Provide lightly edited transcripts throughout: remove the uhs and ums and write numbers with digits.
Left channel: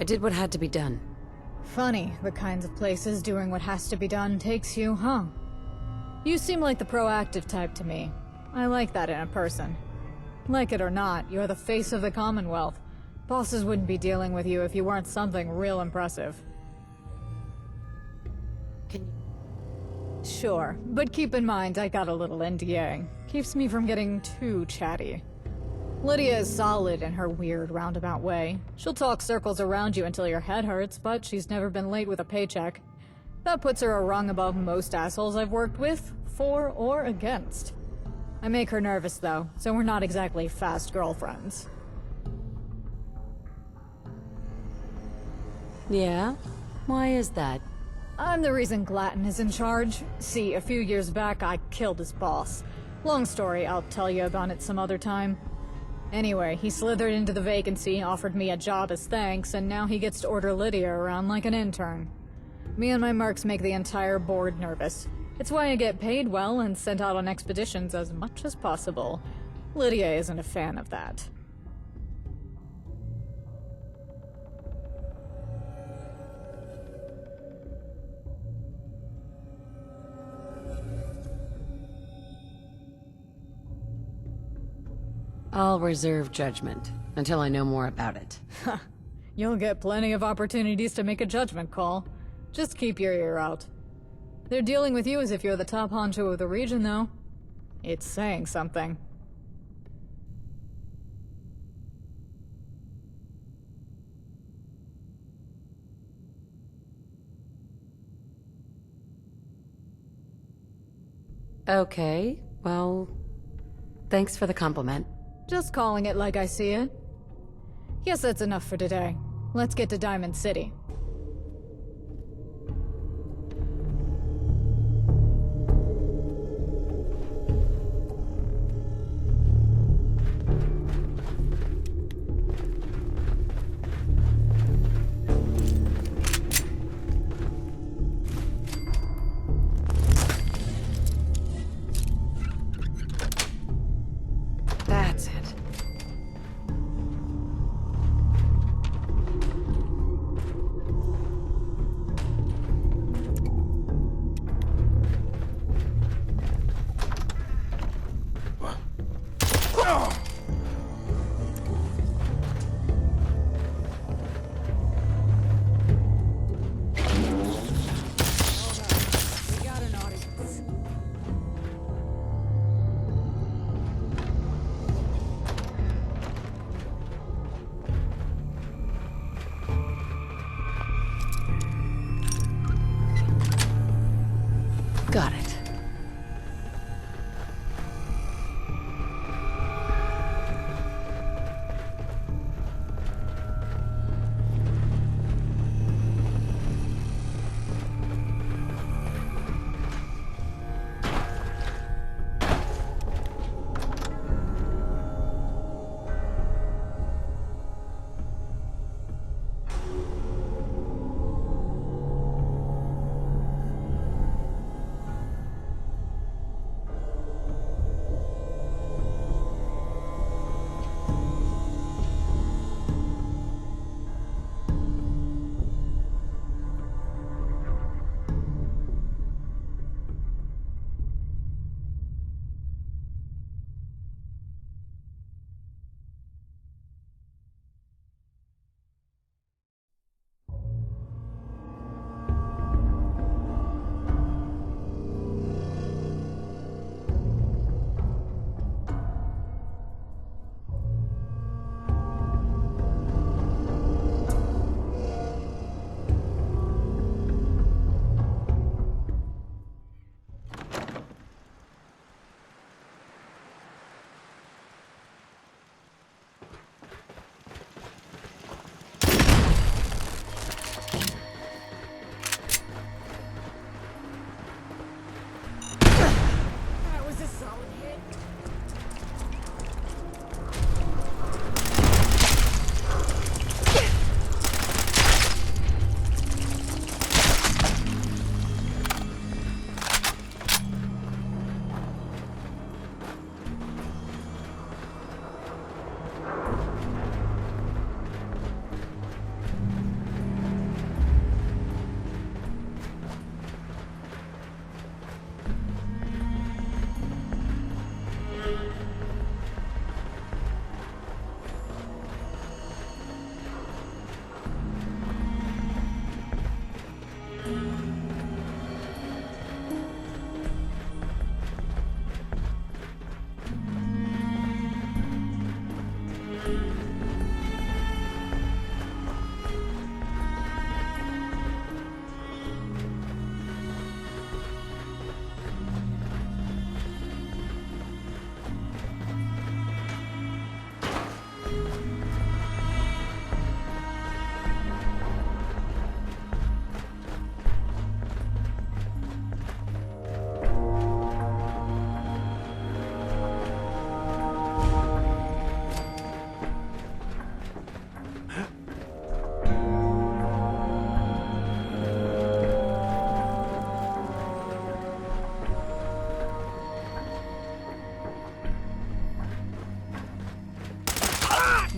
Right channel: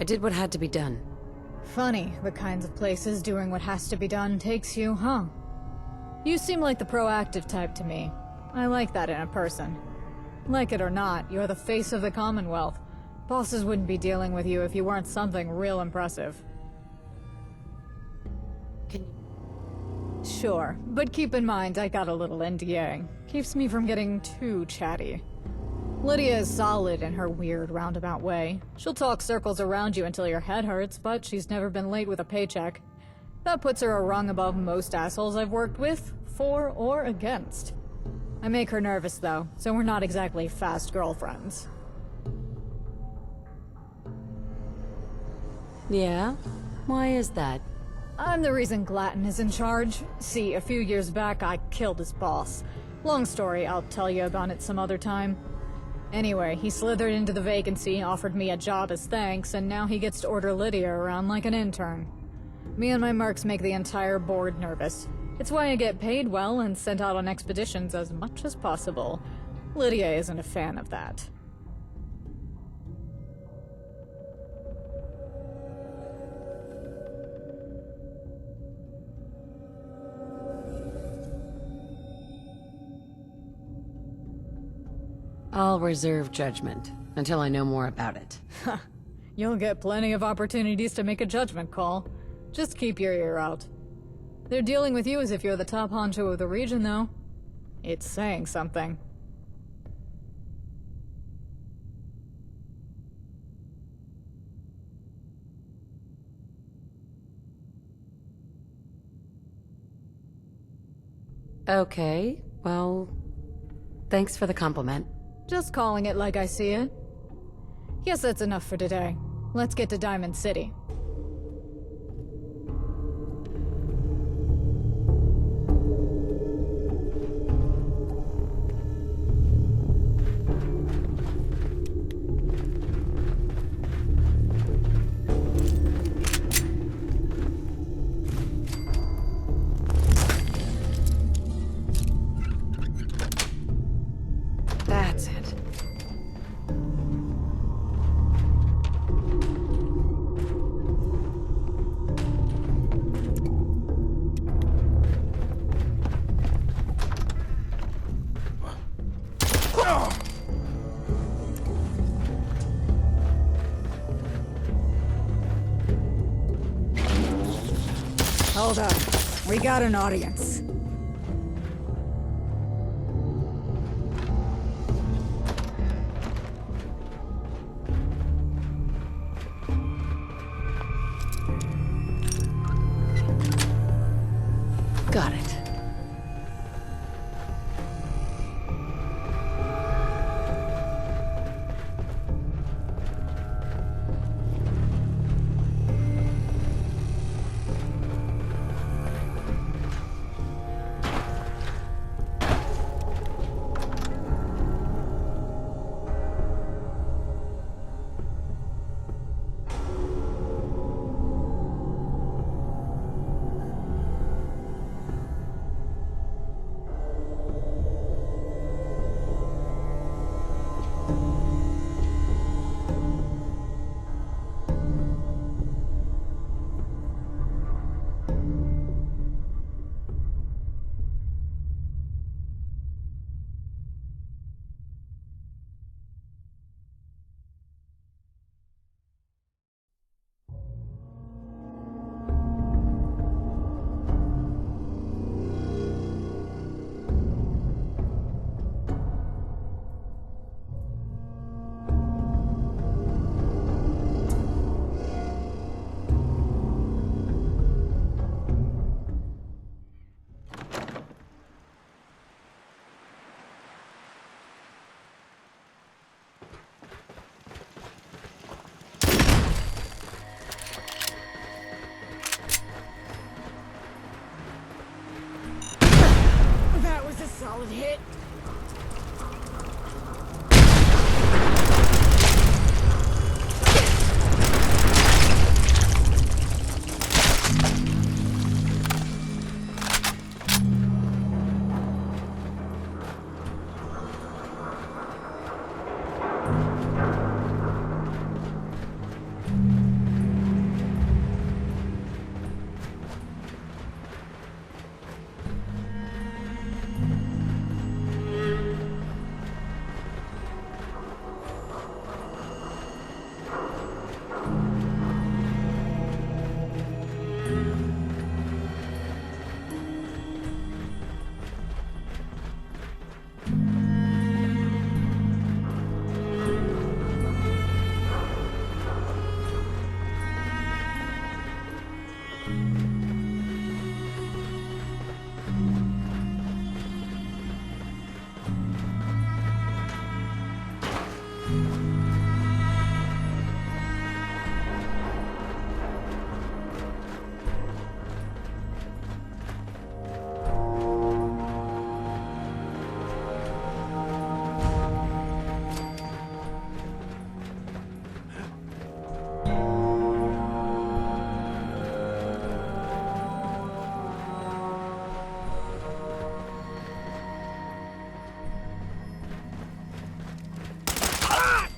I did what had to be done. Funny, the kinds of places doing what has to be done takes you, huh? You seem like the proactive type to me. I like that in a person. Like it or not, you're the face of the Commonwealth. Bosses wouldn't be dealing with you if you weren't something real impressive. Can you... Sure, but keep in mind I got a little NDA. Keeps me from getting too chatty. Lydia is solid in her weird roundabout way. She'll talk circles around you until your head hurts, but she's never been late with a paycheck. That puts her a rung above most assholes I've worked with, for or against. I make her nervous though, so we're not exactly fast girlfriends. Yeah? Why is that? I'm the reason Glatton is in charge. See, a few years back I killed his boss. Long story, I'll tell you about it some other time. Anyway, he slithered into the vacancy, offered me a job as thanks, and now he gets to order Lydia around like an intern. Me and my mercs make the entire board nervous. It's why I get paid well and sent out on expeditions as much as possible. Lydia isn't a fan of that. I'll reserve judgment until I know more about it. You'll get plenty of opportunities to make a judgment call. Just keep your ear out. They're dealing with you as if you're the top honcho of the region, though. It's saying something. Okay, well, thanks for the compliment. Just calling it like I see it. Guess that's enough for today. Let's get to Diamond City. That's it. Hold up. We got an audience. Got it. Solid hit.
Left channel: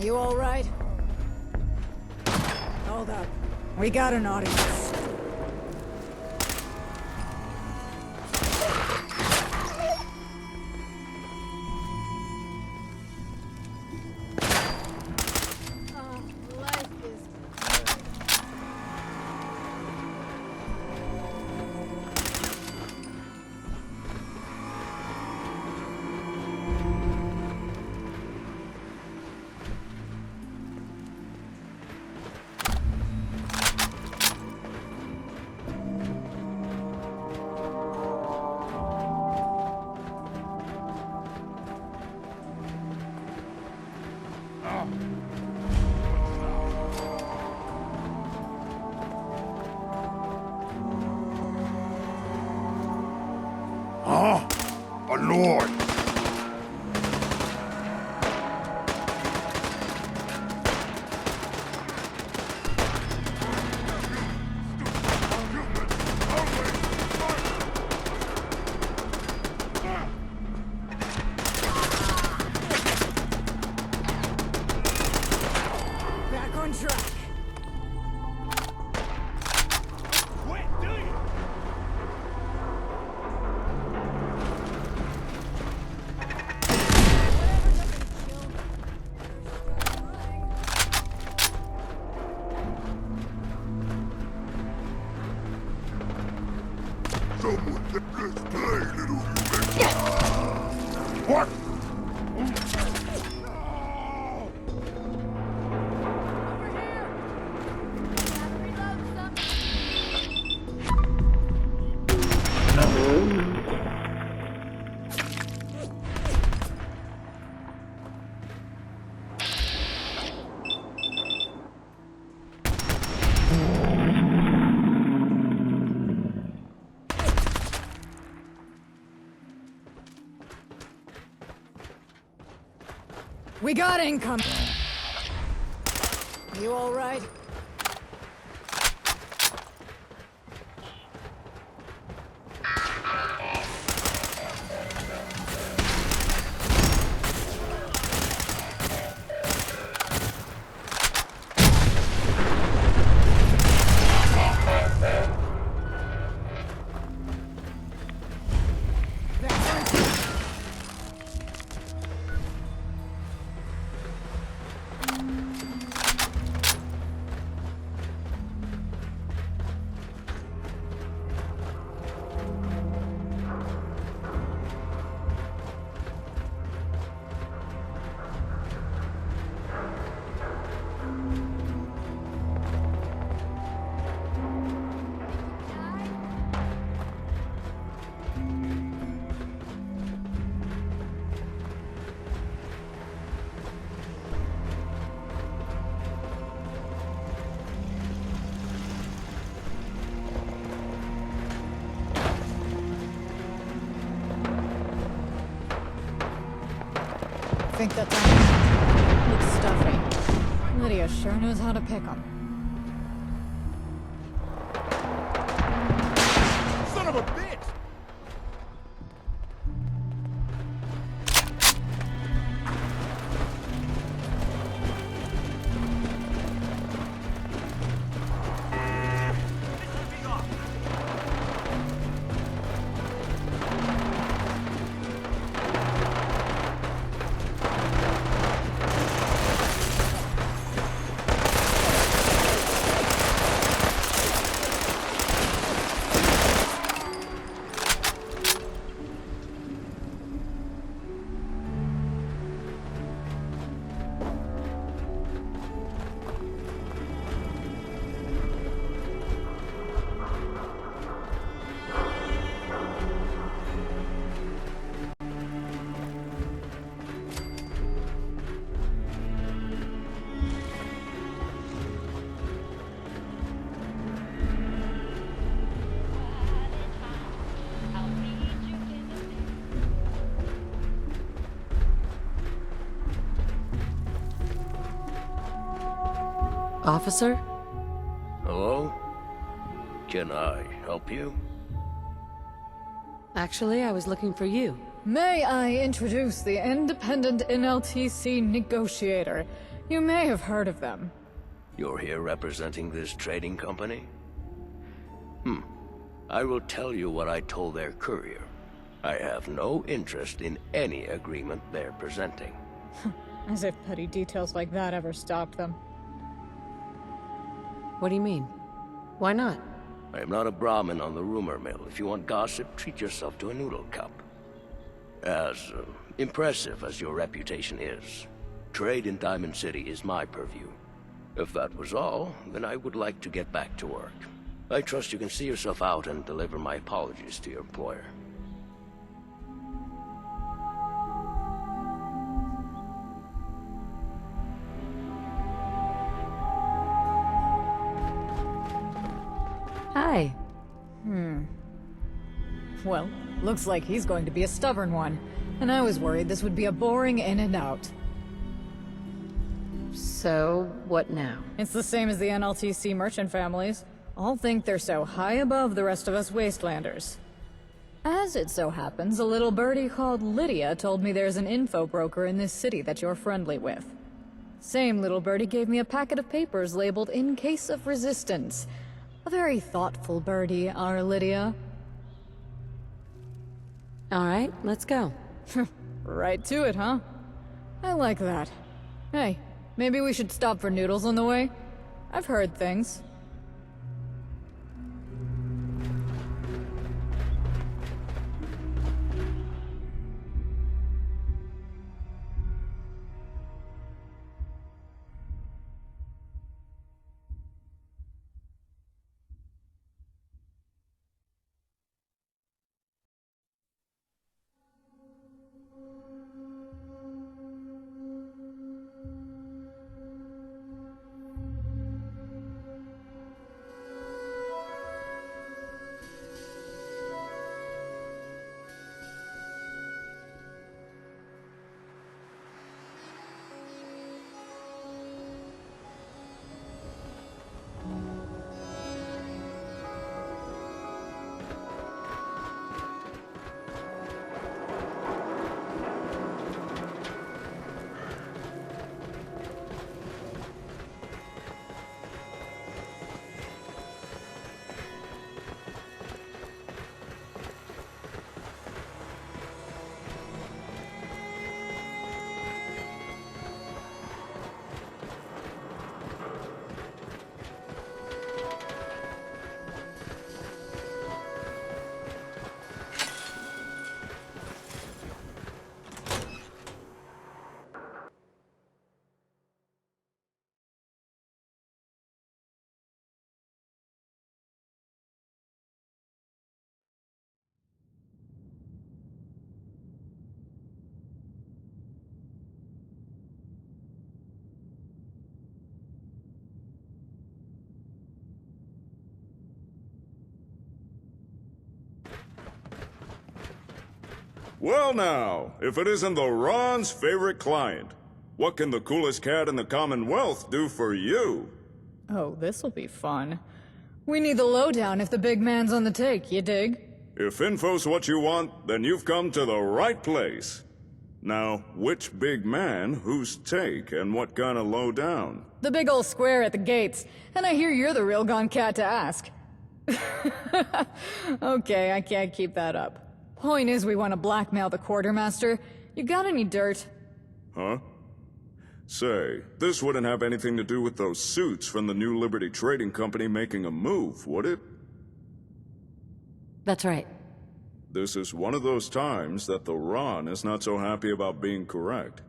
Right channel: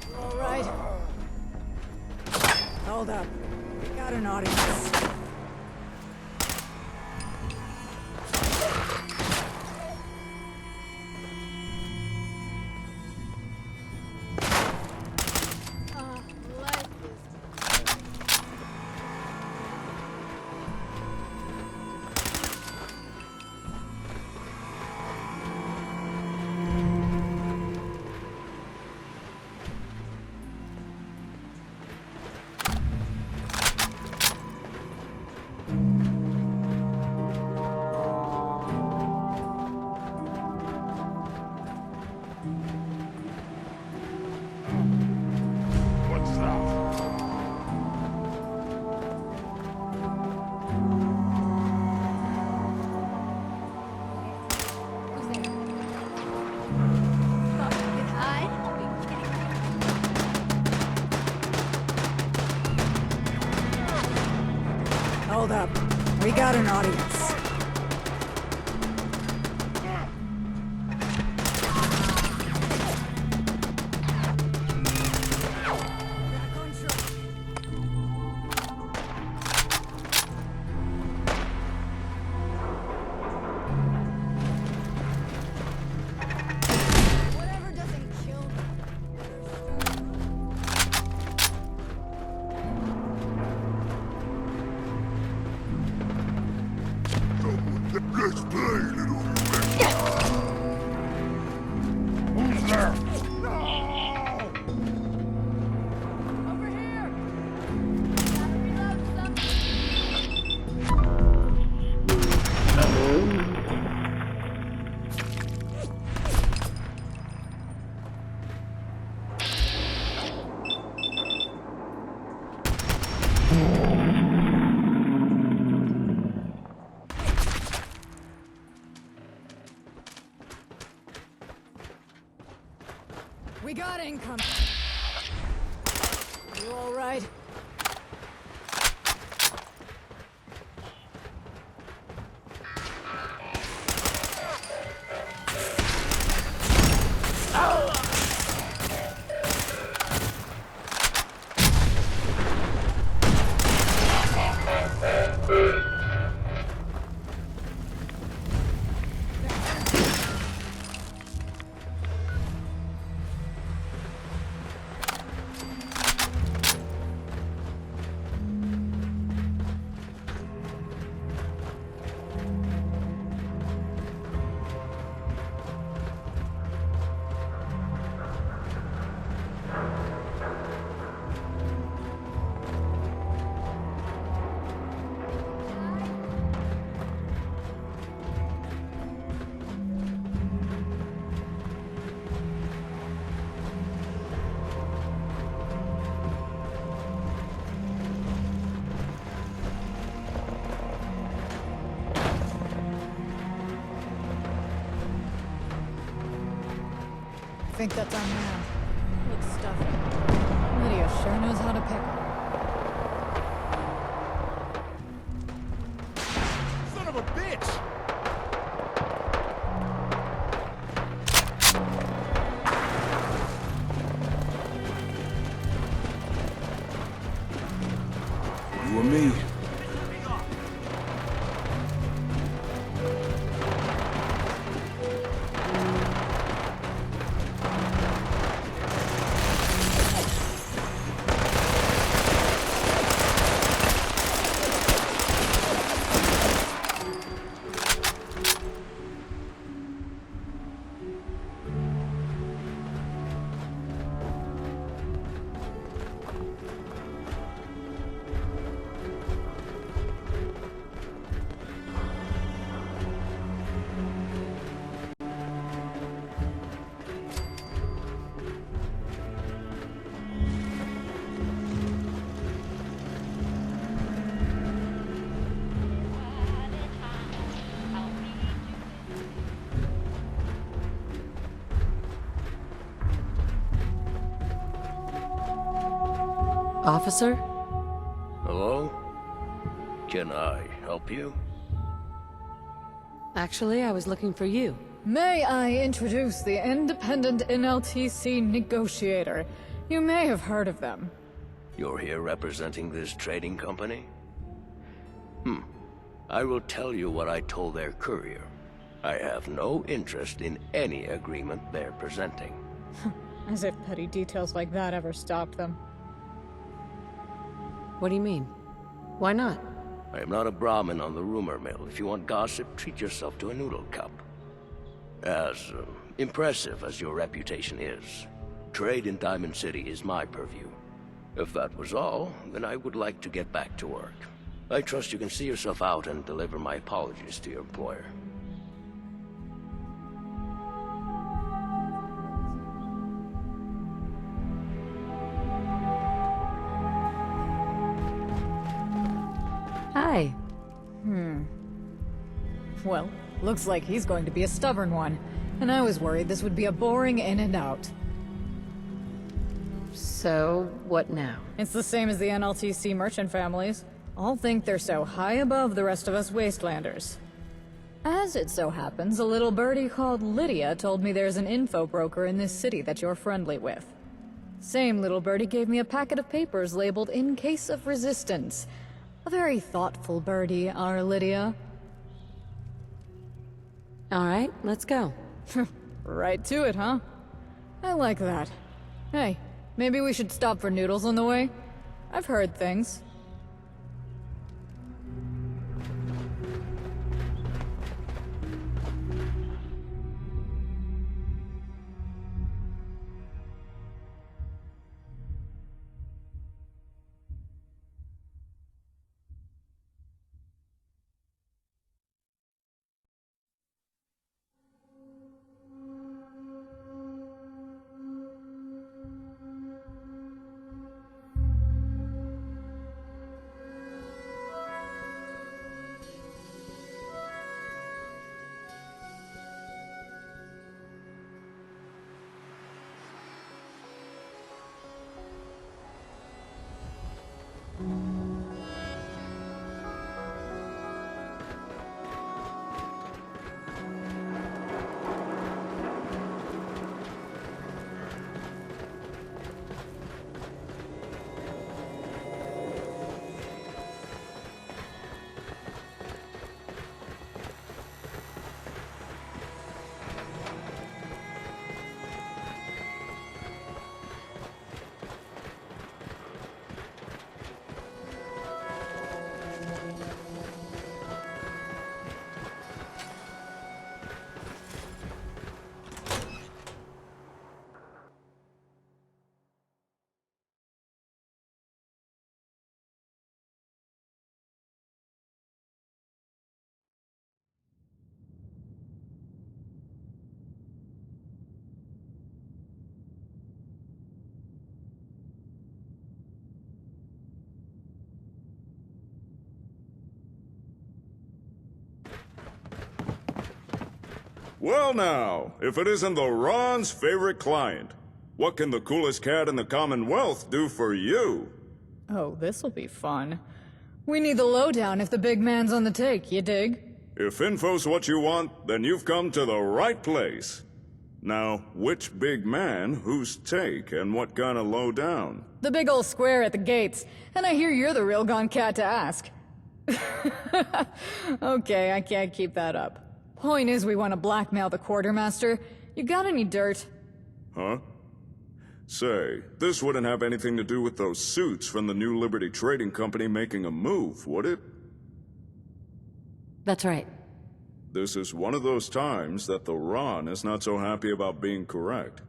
You all right? Hold up. We got an audience. Life is What's that? Huh? A lord. Hold up. We got an audience. Back on track. Whatever doesn't kill me. Better start running. Someone, let's play, little human. What? Who's there? No! Over here! Gotta reload something. We got income. You all right? I think that's on. Looks stuffy. Lydia sure knows how to pick 'em. Son of a bitch! You and me. Officer? Hello? Can I help you? Actually, I was looking for you. May I introduce the independent NLTC negotiator, You may have heard of them. You're here representing this trading company? I will tell you what I told their courier. I have no interest in any agreement they're presenting. As if petty details like that ever stopped them. What do you mean? Why not? I am not a Brahmin on the rumor mill. If you want gossip, treat yourself to a noodle cup. As impressive as your reputation is, trade in Diamond City is my purview. If that was all, then I would like to get back to work. I trust you can see yourself out and deliver my apologies to your employer. Hi. Well, looks like he's going to be a stubborn one. And I was worried this would be a boring in and out. So, what now? It's the same as the NLTC merchant families. All think they're so high above the rest of us wastelanders. As it so happens, a little birdie called Lydia told me there's an info broker in this city that you're friendly with. Same little birdie gave me a packet of papers labeled "In Case of Resistance." A very thoughtful birdie, our Lydia. All right, let's go. Right to it, huh? I like that. Hey, maybe we should stop for noodles on the way? I've heard things. Well now, if it isn't the Ron's favorite client, what can the coolest cat in the Commonwealth do for you? Oh, this'll be fun. We need the lowdown if the big man's on the take, you dig? If info's what you want, then you've come to the right place. Now, which big man, whose take, and what kind of lowdown? The big old square at the gates, and I hear you're the real gone cat to ask. Okay, I can't keep that up. Point is, we want to blackmail the quartermaster. You got any dirt? Huh? Say, this wouldn't have anything to do with those suits from the New Liberty Trading Company making a move, would it? That's right. This is one of those times that the Ron is not so happy about being correct.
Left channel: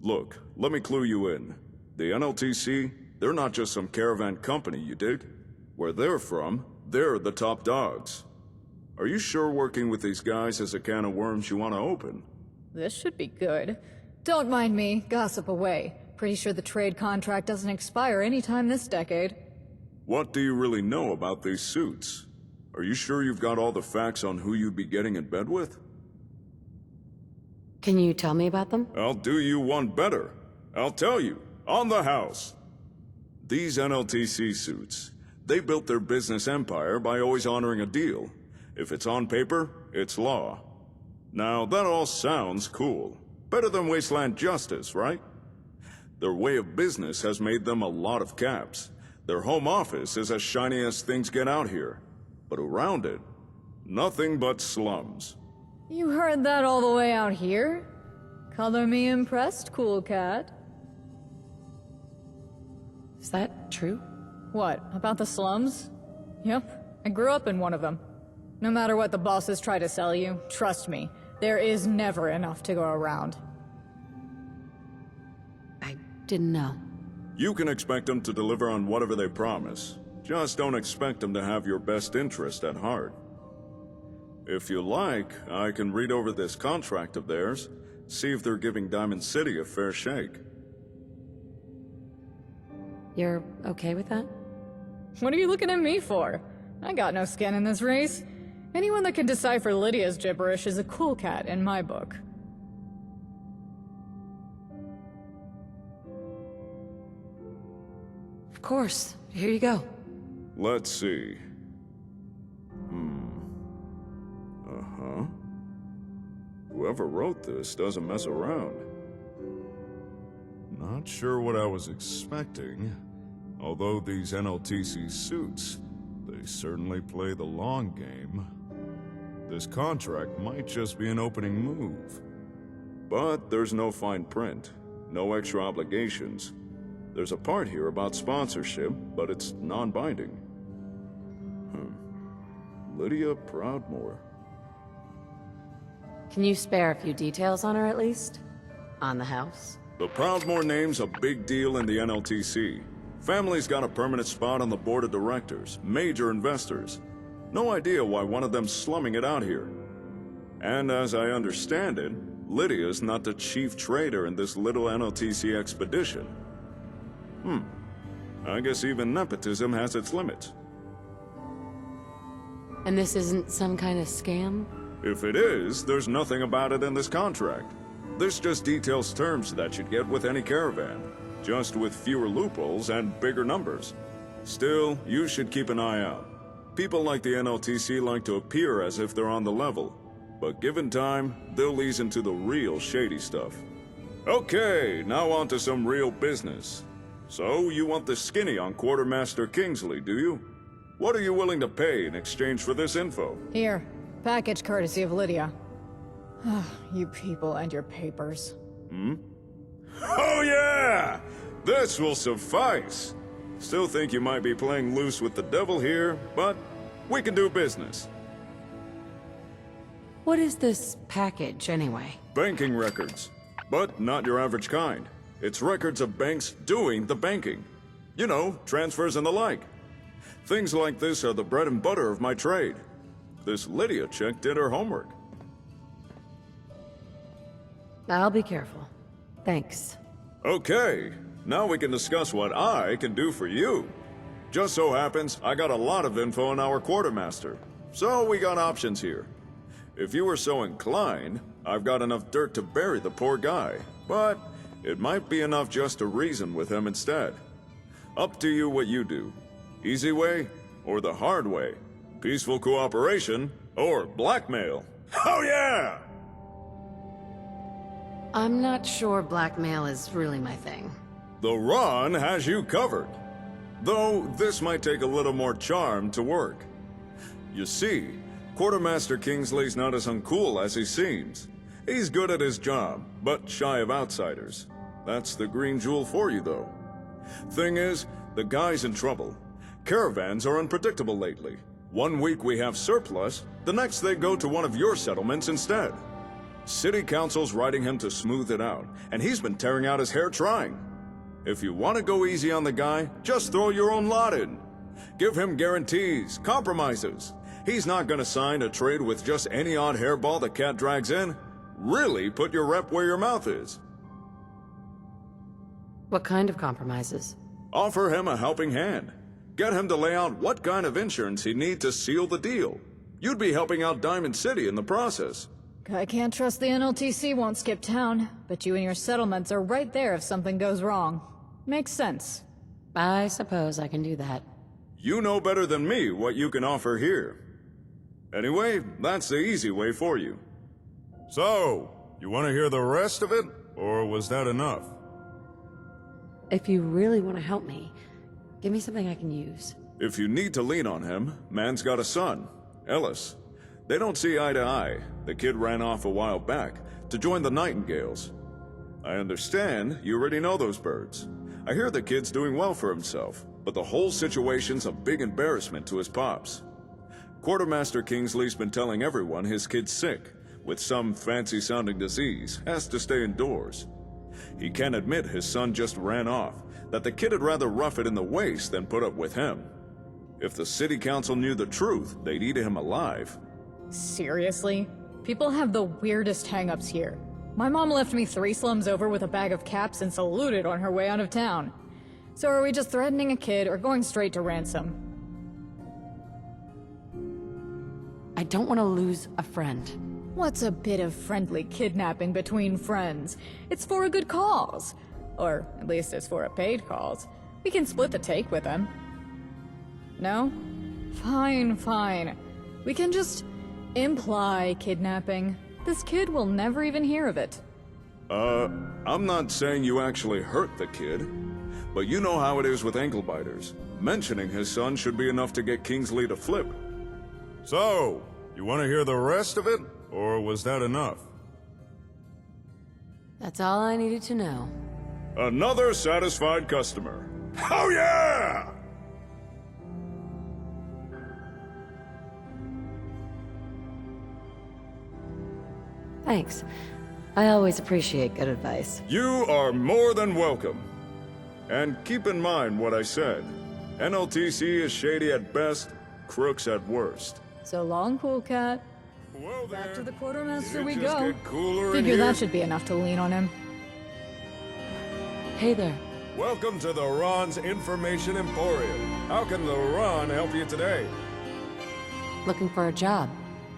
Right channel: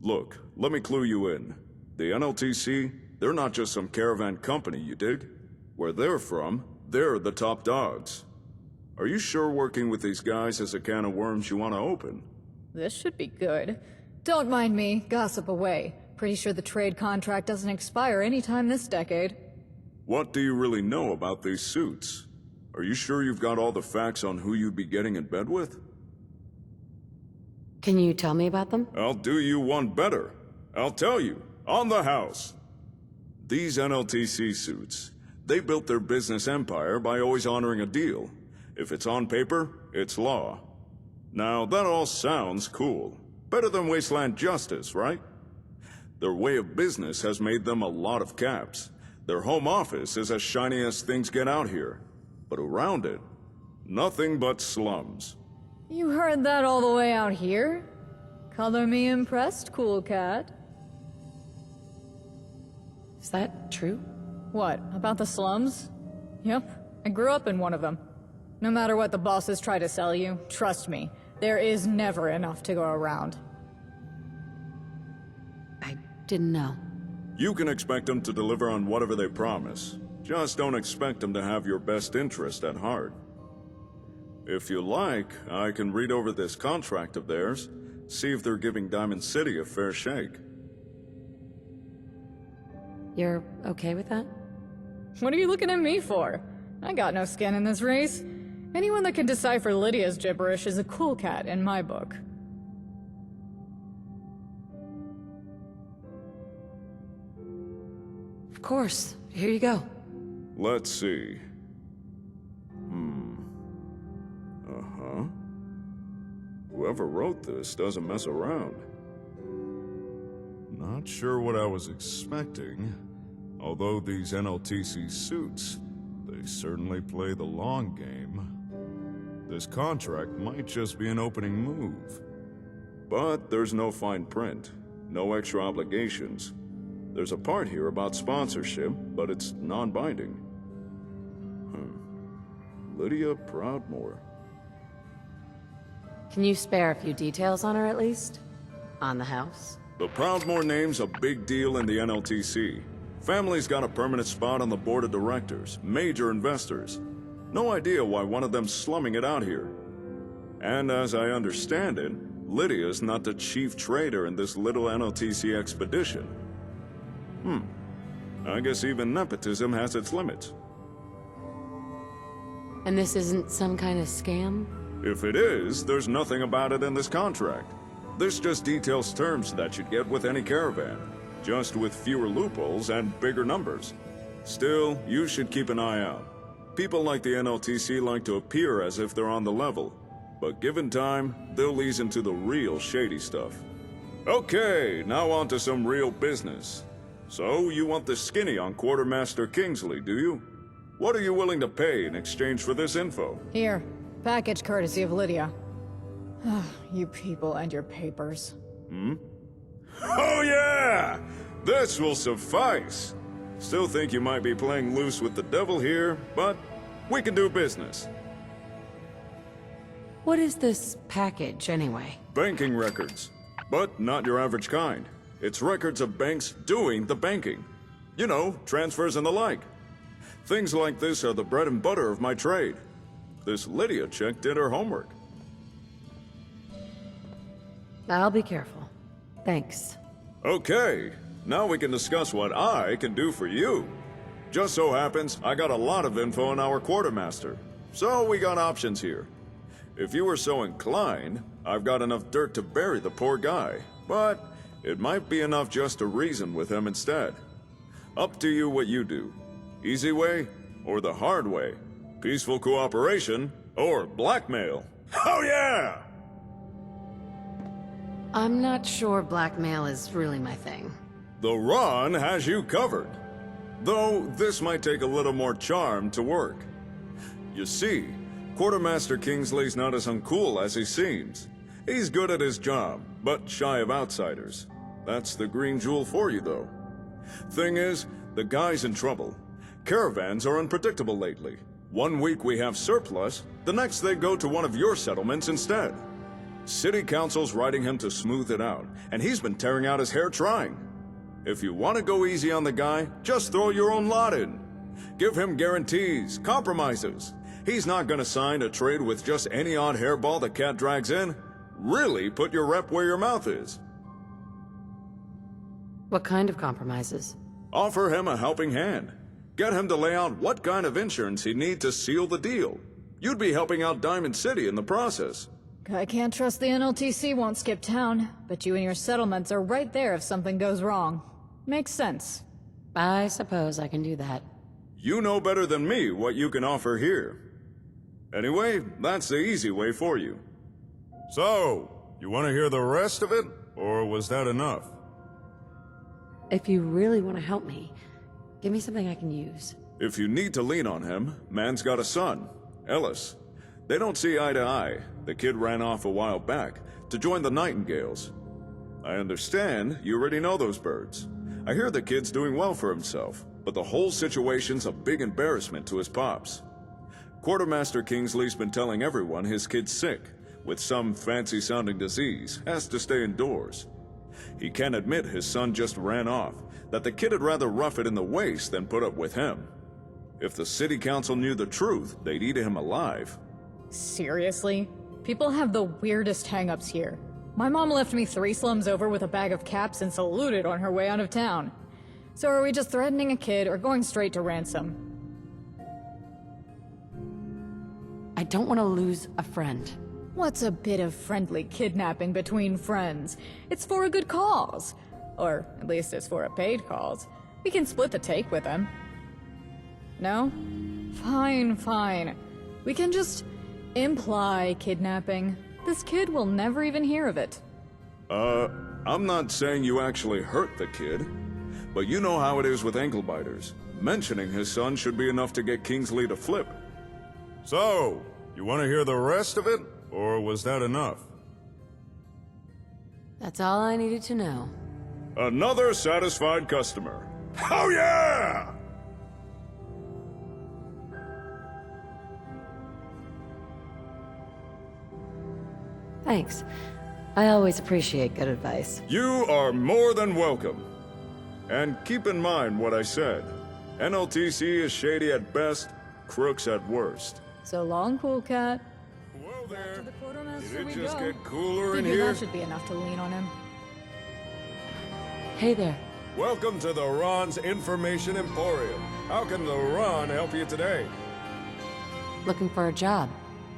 Look, let me clue you in. The NLTC, they're not just some caravan company, you dig? Where they're from, they're the top dogs. Are you sure working with these guys is a can of worms you want to open? This should be good. Don't mind me, gossip away. Pretty sure the trade contract doesn't expire anytime this decade. What do you really know about these suits? Are you sure you've got all the facts on who you'd be getting in bed with? Can you tell me about them? I'll do you one better. I'll tell you, on the house. These NLTC suits, they built their business empire by always honoring a deal. If it's on paper, it's law. Now, that all sounds cool. Better than wasteland justice, right? Their way of business has made them a lot of caps. Their home office is as shiny as things get out here. But around it, nothing but slums. You heard that all the way out here? Color me impressed, cool cat. Is that true? What, about the slums? Yep, I grew up in one of them. No matter what the bosses try to sell you, trust me, there is never enough to go around. I didn't know. You can expect them to deliver on whatever they promise. Just don't expect them to have your best interest at heart. If you like, I can read over this contract of theirs, see if they're giving Diamond City a fair shake. You're okay with that? What are you looking at me for? I got no skin in this race. Anyone that can decipher Lydia's gibberish is a cool cat in my book. Of course. Here you go. Let's see. Uh-huh. Whoever wrote this doesn't mess around. Not sure what I was expecting. Although these NLTC suits, they certainly play the long game. This contract might just be an opening move. But there's no fine print, no extra obligations. There's a part here about sponsorship, but it's non-binding. Lydia Proudmoore. Can you spare a few details on her at least? On the house? The Proudmoore name's a big deal in the NLTC. Family's got a permanent spot on the board of directors, major investors. No idea why one of them's slumming it out here. And as I understand it, Lydia's not the chief trader in this little NLTC expedition. I guess even nepotism has its limits. And this isn't some kind of scam? If it is, there's nothing about it in this contract. This just details terms that you'd get with any caravan, just with fewer loopholes and bigger numbers. Still, you should keep an eye out. People like the NLTC like to appear as if they're on the level, but given time, they'll ease into the real shady stuff. Okay, now on to some real business. So, you want the skinny on Quartermaster Kingsley, do you? What are you willing to pay in exchange for this info? Here, package courtesy of Lydia. You people and your papers. Oh yeah! This will suffice! Still think you might be playing loose with the devil here, but we can do business. What is this package, anyway? Banking records. But not your average kind. It's records of banks doing the banking. You know, transfers and the like. Things like this are the bread and butter of my trade. This Lydia chick did her homework. I'll be careful. Thanks. Okay, now we can discuss what I can do for you. Just so happens, I got a lot of info on our quartermaster. So we got options here. If you were so inclined, I've got enough dirt to bury the poor guy. But it might be enough just to reason with him instead. Up to you what you do. Easy way, or the hard way. Peaceful cooperation, or blackmail. Oh yeah! I'm not sure blackmail is really my thing. The Ron has you covered. Though this might take a little more charm to work. You see, Quartermaster Kingsley's not as uncool as he seems. He's good at his job, but shy of outsiders. That's the green jewel for you, though. Thing is, the guy's in trouble. Caravans are unpredictable lately. One week we have surplus, the next they go to one of your settlements instead. City Council's writing him to smooth it out, and he's been tearing out his hair trying. If you want to go easy on the guy, just throw your own lot in. Give him guarantees, compromises. He's not gonna sign a trade with just any odd hairball the cat drags in. Really put your rep where your mouth is. What kind of compromises? Offer him a helping hand. Get him to lay out what kind of insurance he'd need to seal the deal. You'd be helping out Diamond City in the process. I can't trust the NLTC won't skip town, but you and your settlements are right there if something goes wrong. Makes sense. I suppose I can do that. You know better than me what you can offer here. Anyway, that's the easy way for you. So, you want to hear the rest of it, or was that enough? If you really want to help me, give me something I can use. If you need to lean on him, man's got a son, Ellis. They don't see eye to eye. The kid ran off a while back to join the Nightingales. I understand you already know those birds. I hear the kid's doing well for himself, but the whole situation's a big embarrassment to his pops. Quartermaster Kingsley's been telling everyone his kid's sick, with some fancy-sounding disease, has to stay indoors. He can't admit his son just ran off, that the kid would rather rough it in the waist than put up with him. If the city council knew the truth, they'd eat him alive. Seriously? People have the weirdest hang-ups here. My mom left me 3 slums over with a bag of caps and saluted on her way out of town. So are we just threatening a kid or going straight to ransom? I don't want to lose a friend. What's a bit of friendly kidnapping between friends? It's for a good cause. Or at least it's for a paid cause. We can split the take with him. No? Fine, fine. We can just imply kidnapping. This kid will never even hear of it. I'm not saying you actually hurt the kid, but you know how it is with ankle-biters. Mentioning his son should be enough to get Kingsley to flip. So, you want to hear the rest of it, or was that enough? That's all I needed to know. Another satisfied customer. Oh yeah! Thanks. I always appreciate good advice. You are more than welcome. And keep in mind what I said. NLTC is shady at best, crooks at worst. So long, cool cat. Well there. Back to the quartermaster Did we it just go. get cooler in Figure here? that should be enough to lean on him. Hey there. Welcome to the Ron's Information Emporium. How can the Ron help you today? Looking for a job,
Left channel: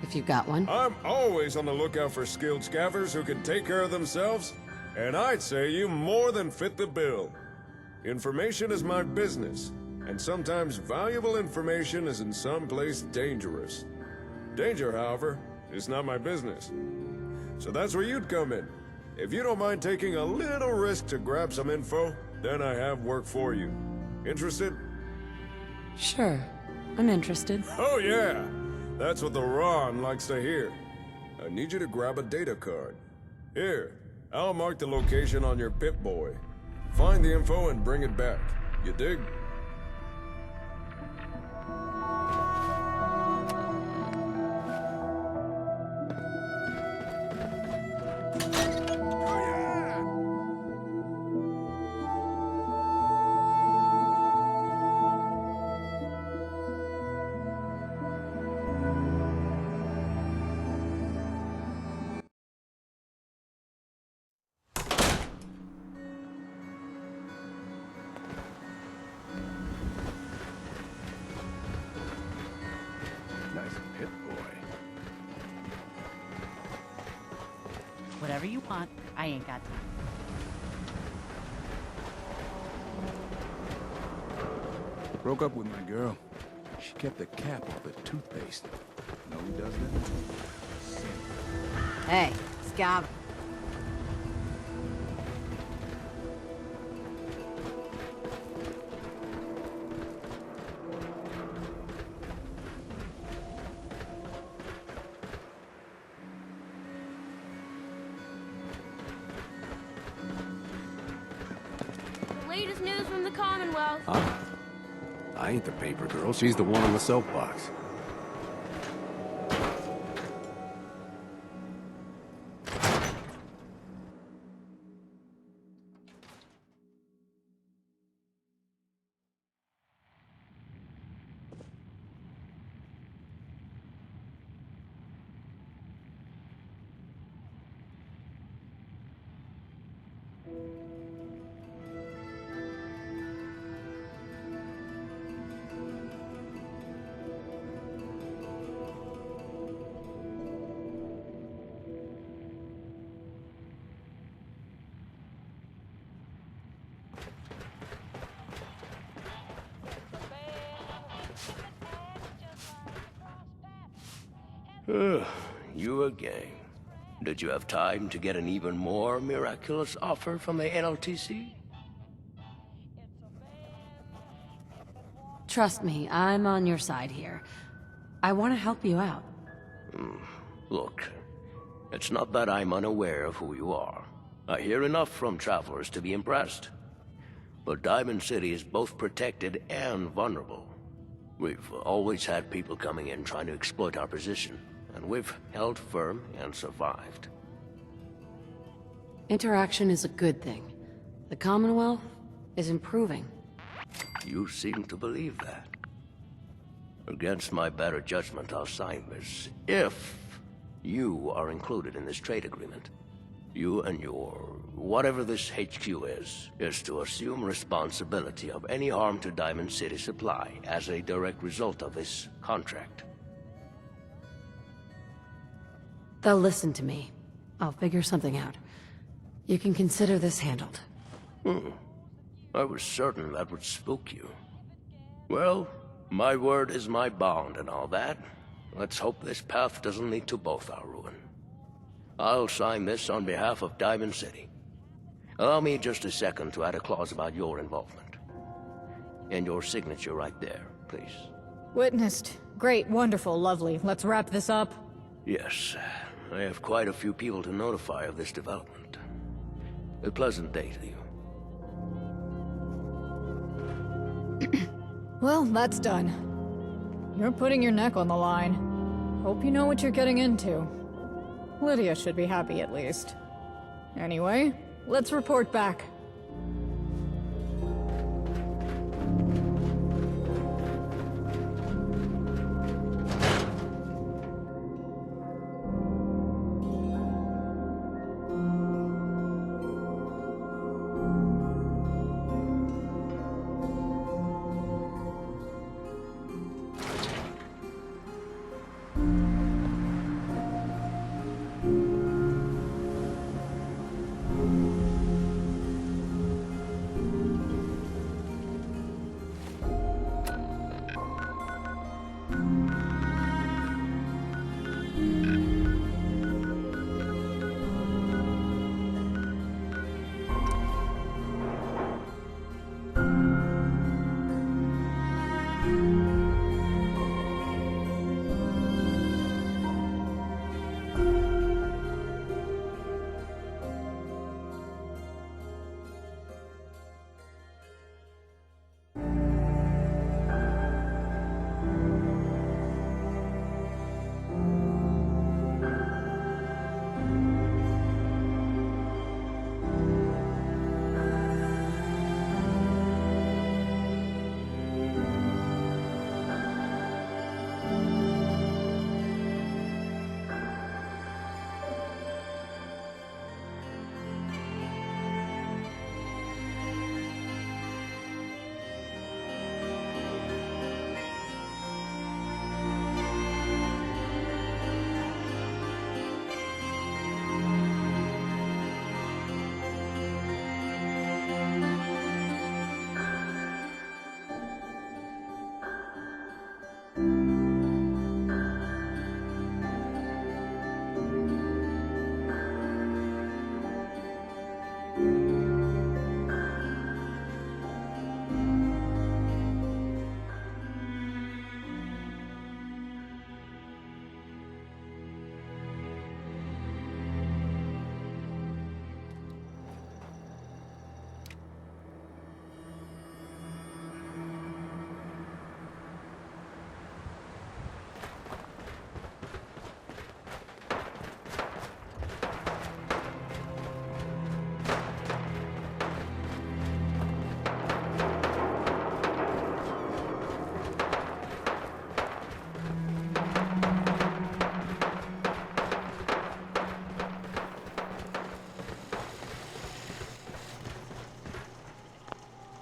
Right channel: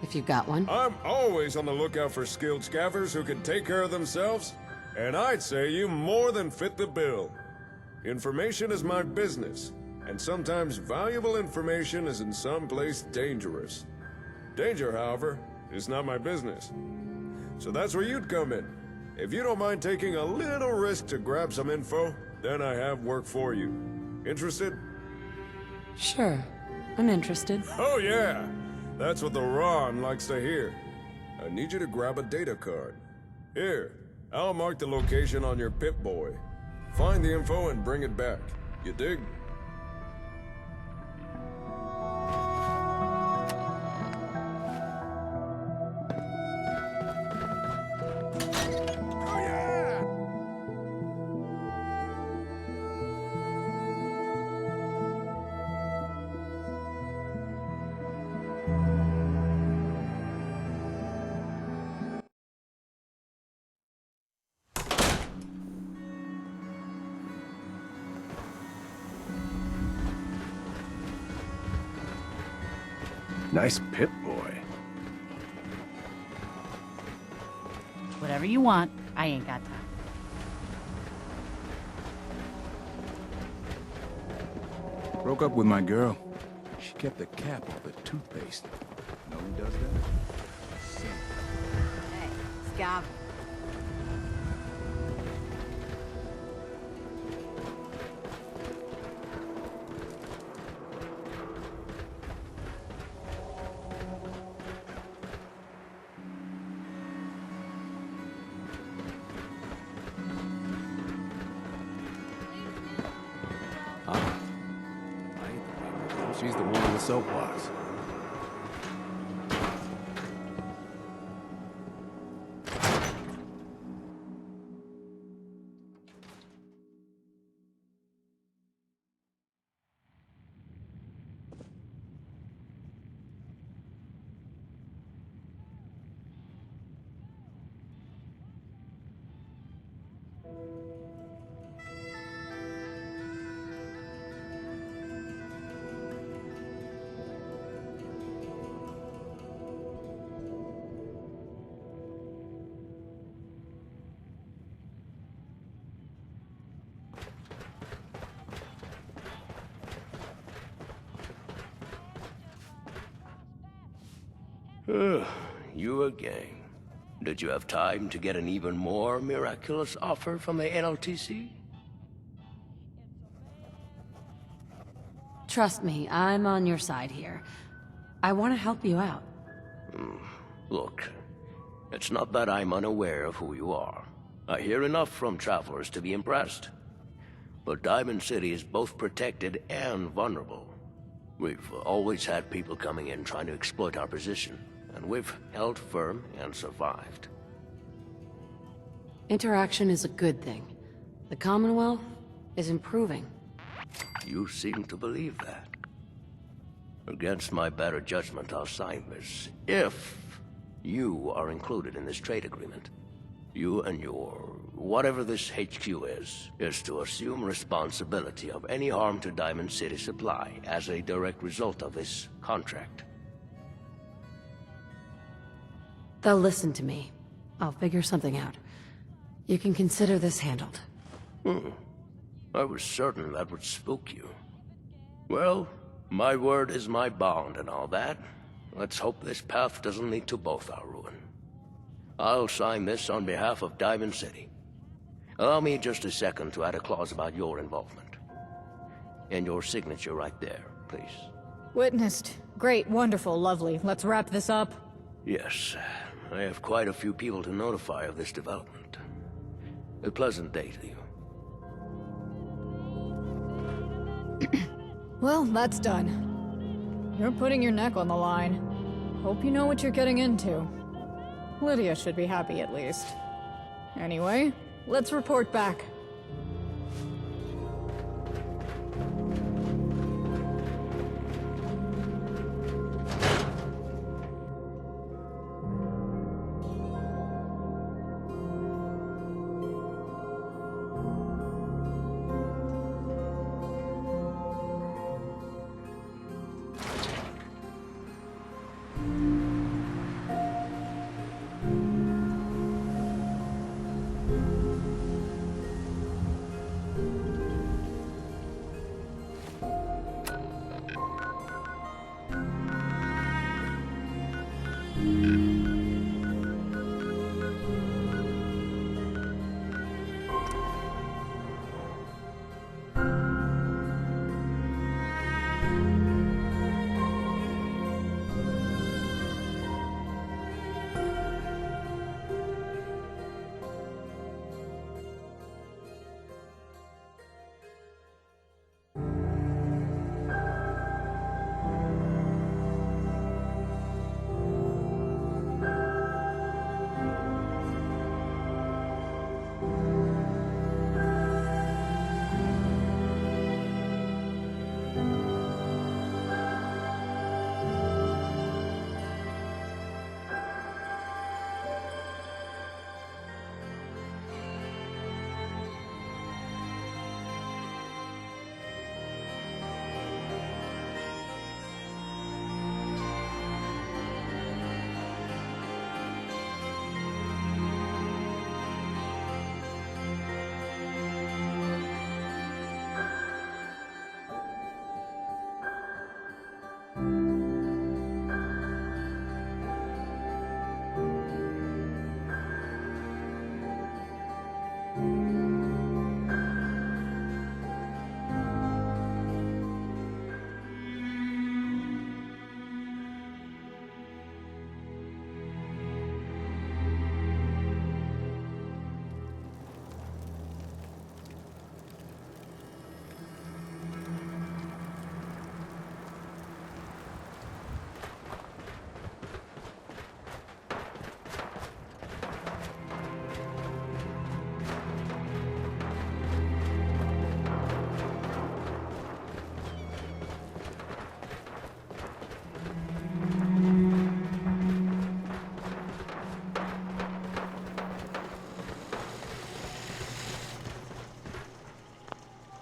if you've got one. I'm always on the lookout for skilled scaffers who can take care of themselves, and I'd say you more than fit the bill. Information is my business, and sometimes valuable information is in some place dangerous. Danger, however, is not my business. So that's where you'd come in. If you don't mind taking a little risk to grab some info, then I have work for you. Interested? Sure. I'm interested. Oh yeah! That's what the Ron likes to hear. I need you to grab a data card. Here, I'll mark the location on your Pip-Boy. Find the info and bring it back. You dig? Oh yeah! Nice Pip-Boy. Whatever you want, I ain't got time. Broke up with my girl. She kept the cap off the toothpaste. Know who does that? Hey, Scav. Latest news from the Commonwealth. Huh? I ain't the paper girl. She's the one in the soapbox. You again. Did you have time to get an even more miraculous offer from the NLTC? Trust me, I'm on your side here. I want to help you out. Look, it's not that I'm unaware of who you are. I hear enough from travelers to be impressed. But Diamond City is both protected and vulnerable. We've always had people coming in trying to exploit our position, and we've held firm and survived. Interaction is a good thing. The Commonwealth is improving. You seem to believe that. Against my better judgment, I'll sign this. If you are included in this trade agreement, you and your whatever this HQ is to assume responsibility of any harm to Diamond City Supply as a direct result of this contract. They'll listen to me. I'll figure something out. You can consider this handled. I was certain that would spook you. Well, my word is my bond and all that. Let's hope this path doesn't lead to both our ruin. I'll sign this on behalf of Diamond City. Allow me just a second to add a clause about your involvement. And your signature right there, please. Witnessed. Great, wonderful, lovely. Let's wrap this up. Yes, I have quite a few people to notify of this development. A pleasant day to you. Well, that's done. You're putting your neck on the line. Hope you know what you're getting into. Lydia should be happy at least. Anyway, let's report back.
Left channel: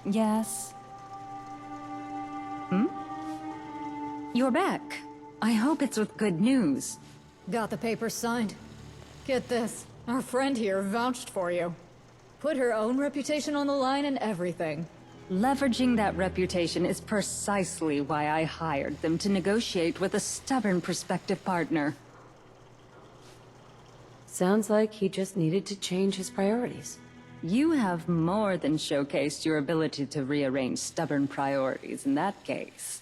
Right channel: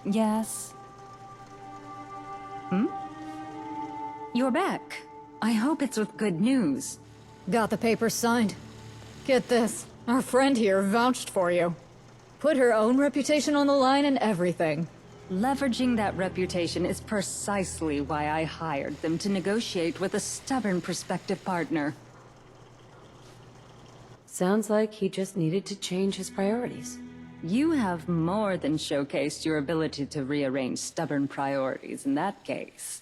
Yes? You're back. I hope it's with good news. Got the papers signed. Get this. Our friend here vouched for you. Put her own reputation on the line and everything. Leveraging that reputation is precisely why I hired them to negotiate with a stubborn prospective partner. Sounds like he just needed to change his priorities. You have more than showcased your ability to rearrange stubborn priorities in that case.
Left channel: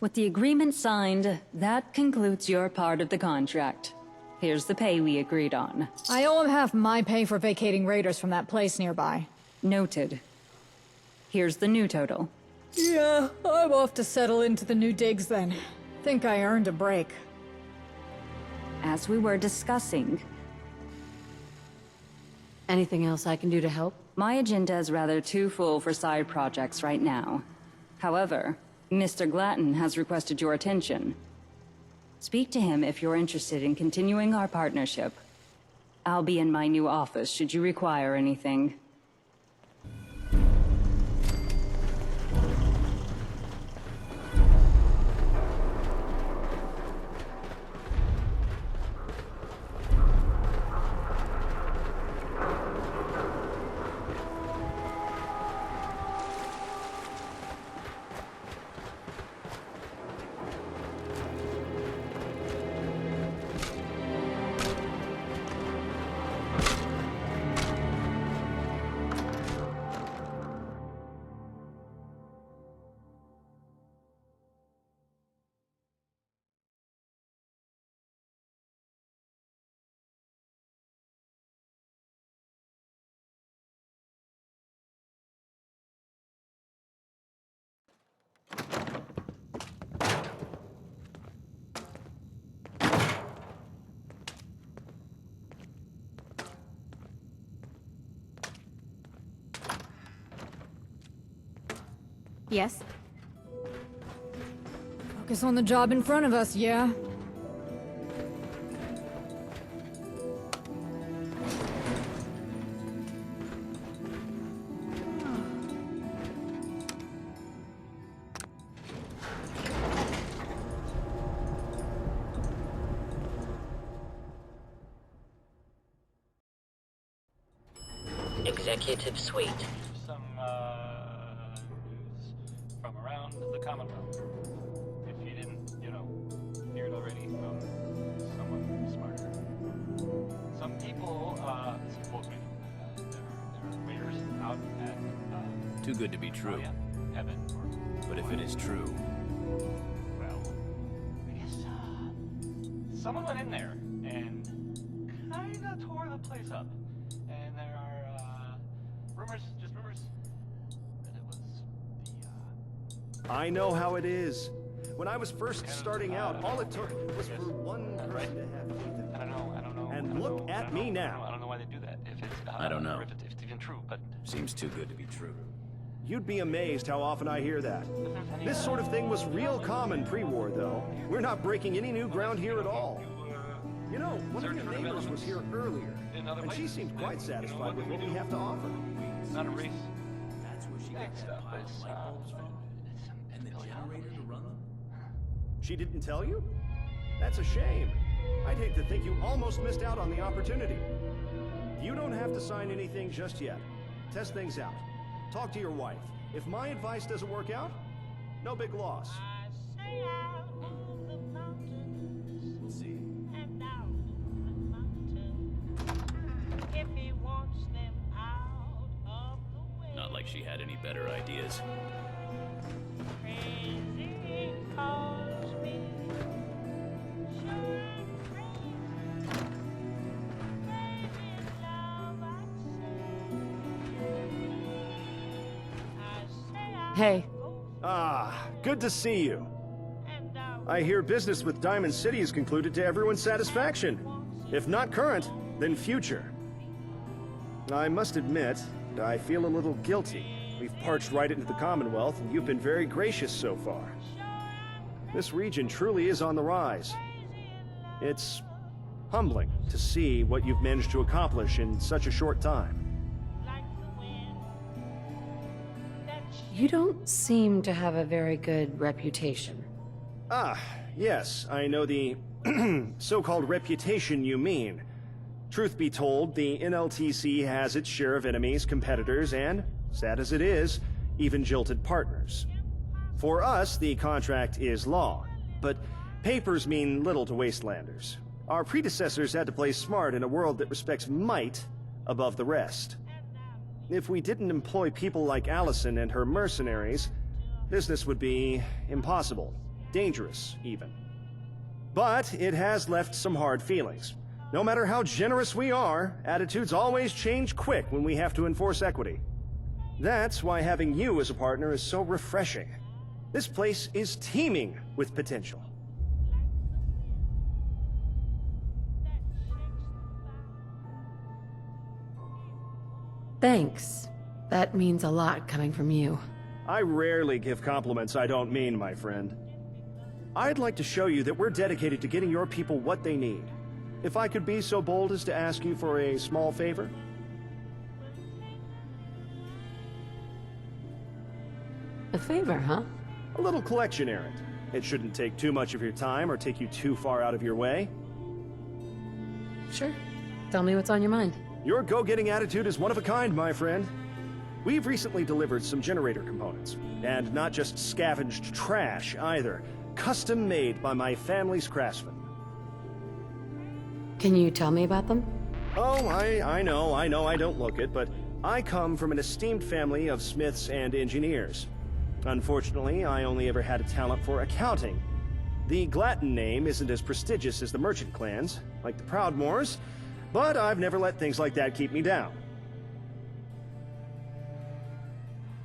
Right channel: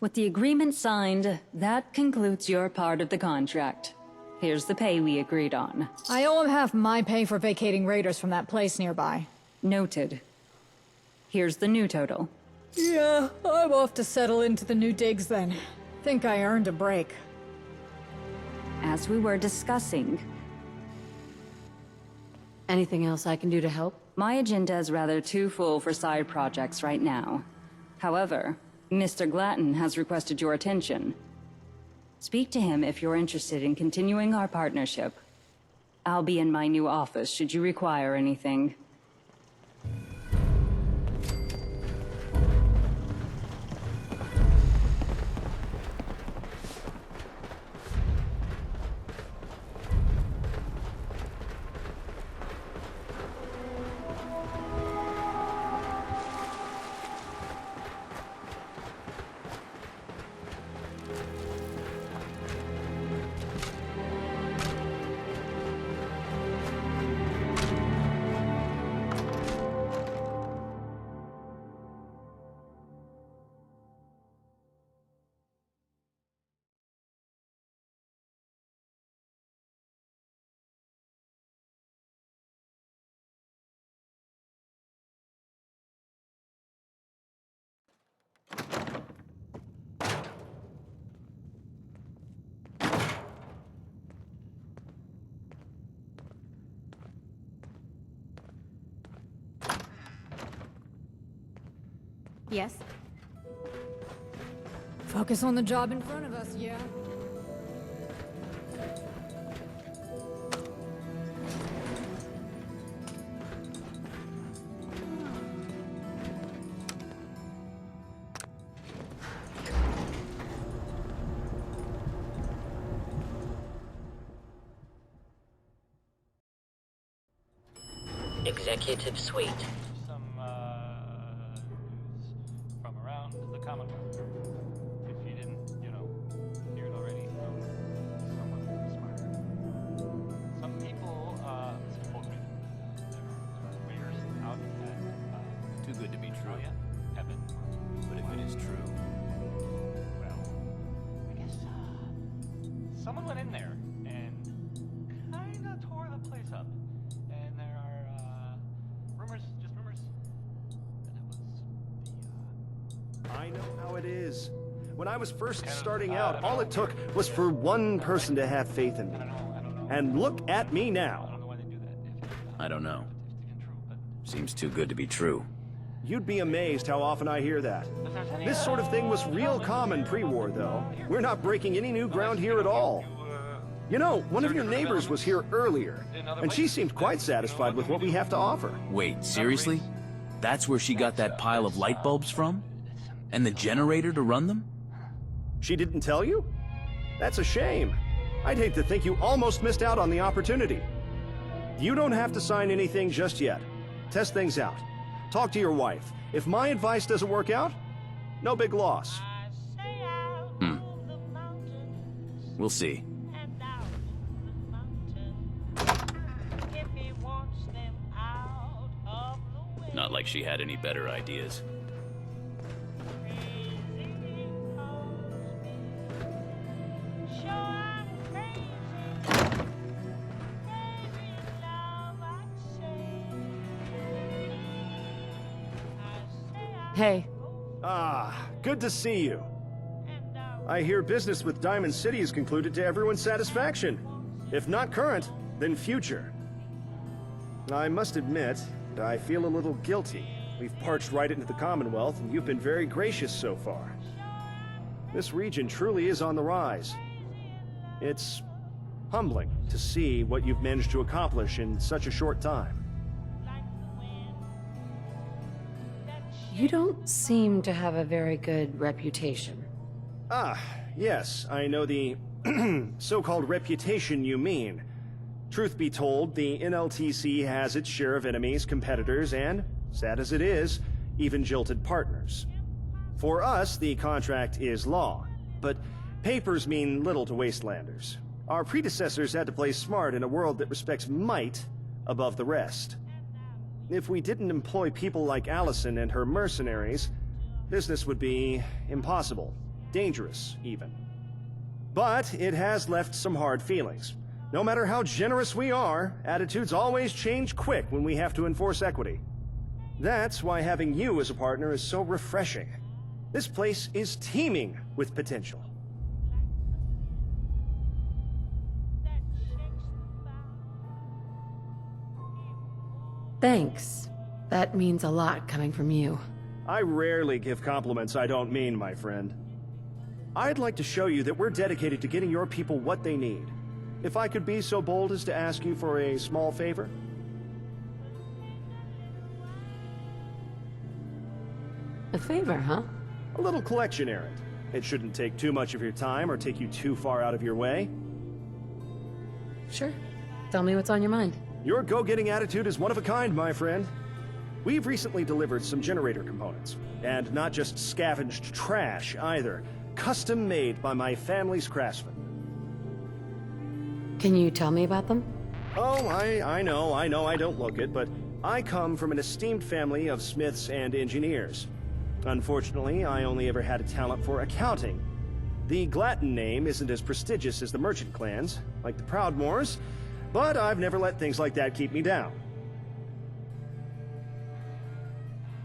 With the agreement signed, that concludes your part of the contract. Here's the pay we agreed on. I owe him half my pay for vacating raiders from that place nearby. Noted. Here's the new total. Yeah, I'm off to settle into the new digs then. Think I earned a break. As we were discussing, Anything else I can do to help? my agenda is rather too full for side projects right now. However, Mr. Glatton has requested your attention. Speak to him if you're interested in continuing our partnership. I'll be in my new office should you require anything. Yes? Focus on the job in front of us, yeah? Executive Suite. Some news from around the Commonwealth. If you didn't, hear it already from someone smarter. Some people supposedly there are waiters out at Too good to be true. Heaven, or But if it is true, well, I guess someone went in there and kinda tore the place up. And there are rumors, just rumors, that it was the I know how it is. When I was first starting out, all it took was for one person to have faith in me. I don't know. And look at me I now. don't know why they do that. If it's, I don't know. If it's even true, but seems too good to be true. You'd be amazed how often I hear that. if there's any, This sort of thing was real common pre-war, though. We're not breaking any new ground here at all. You know, one of your neighbors was here earlier, and she seemed quite satisfied with what we have to offer. Wait, seriously? That's where she got that pile of light bulbs from? And the generator to run them? She didn't tell you? That's a shame. I'd hate to think you almost missed out on the opportunity. You don't have to sign anything just yet. Test things out. Talk to your wife. If my advice doesn't work out, no big loss. We'll see. Not like she had any better ideas. Hey, Ah, good to see you. I hear business with Diamond City is concluded to everyone's satisfaction. If not current, then future. I must admit, I feel a little guilty. We've parched right into the Commonwealth, and you've been very gracious so far. This region truly is on the rise. It's humbling to see what you've managed to accomplish in such a short time. you don't seem to have a very good reputation. Ah, yes, I know the so-called reputation you mean. Truth be told, the NLTC has its share of enemies, competitors, and, sad as it is, even jilted partners. For us, the contract is law, but papers mean little to wastelanders. Our predecessors had to play smart in a world that respects might above the rest. If we didn't employ people like Allison and her mercenaries, business would be impossible. Dangerous, even. But it has left some hard feelings. No matter how generous we are, attitudes always change quick when we have to enforce equity. That's why having you as a partner is so refreshing. This place is teeming with potential. Thanks. That means a lot coming from you. I rarely give compliments I don't mean, my friend. I'd like to show you that we're dedicated to getting your people what they need. If I could be so bold as to ask you for a small favor? A favor, huh? A little collection errand. It shouldn't take too much of your time or take you too far out of your way. Sure. Tell me what's on your mind. Your go-getting attitude is one of a kind, my friend. We've recently delivered some generator components. And not just scavenged trash, either. Custom-made by my family's craftsmen. Can you tell me about them? Oh, I know I don't look it, but I come from an esteemed family of smiths and engineers. Unfortunately, I only ever had a talent for accounting. The Glatton name isn't as prestigious as the merchant clans, like the Proudmoores, but I've never let things like that keep me down.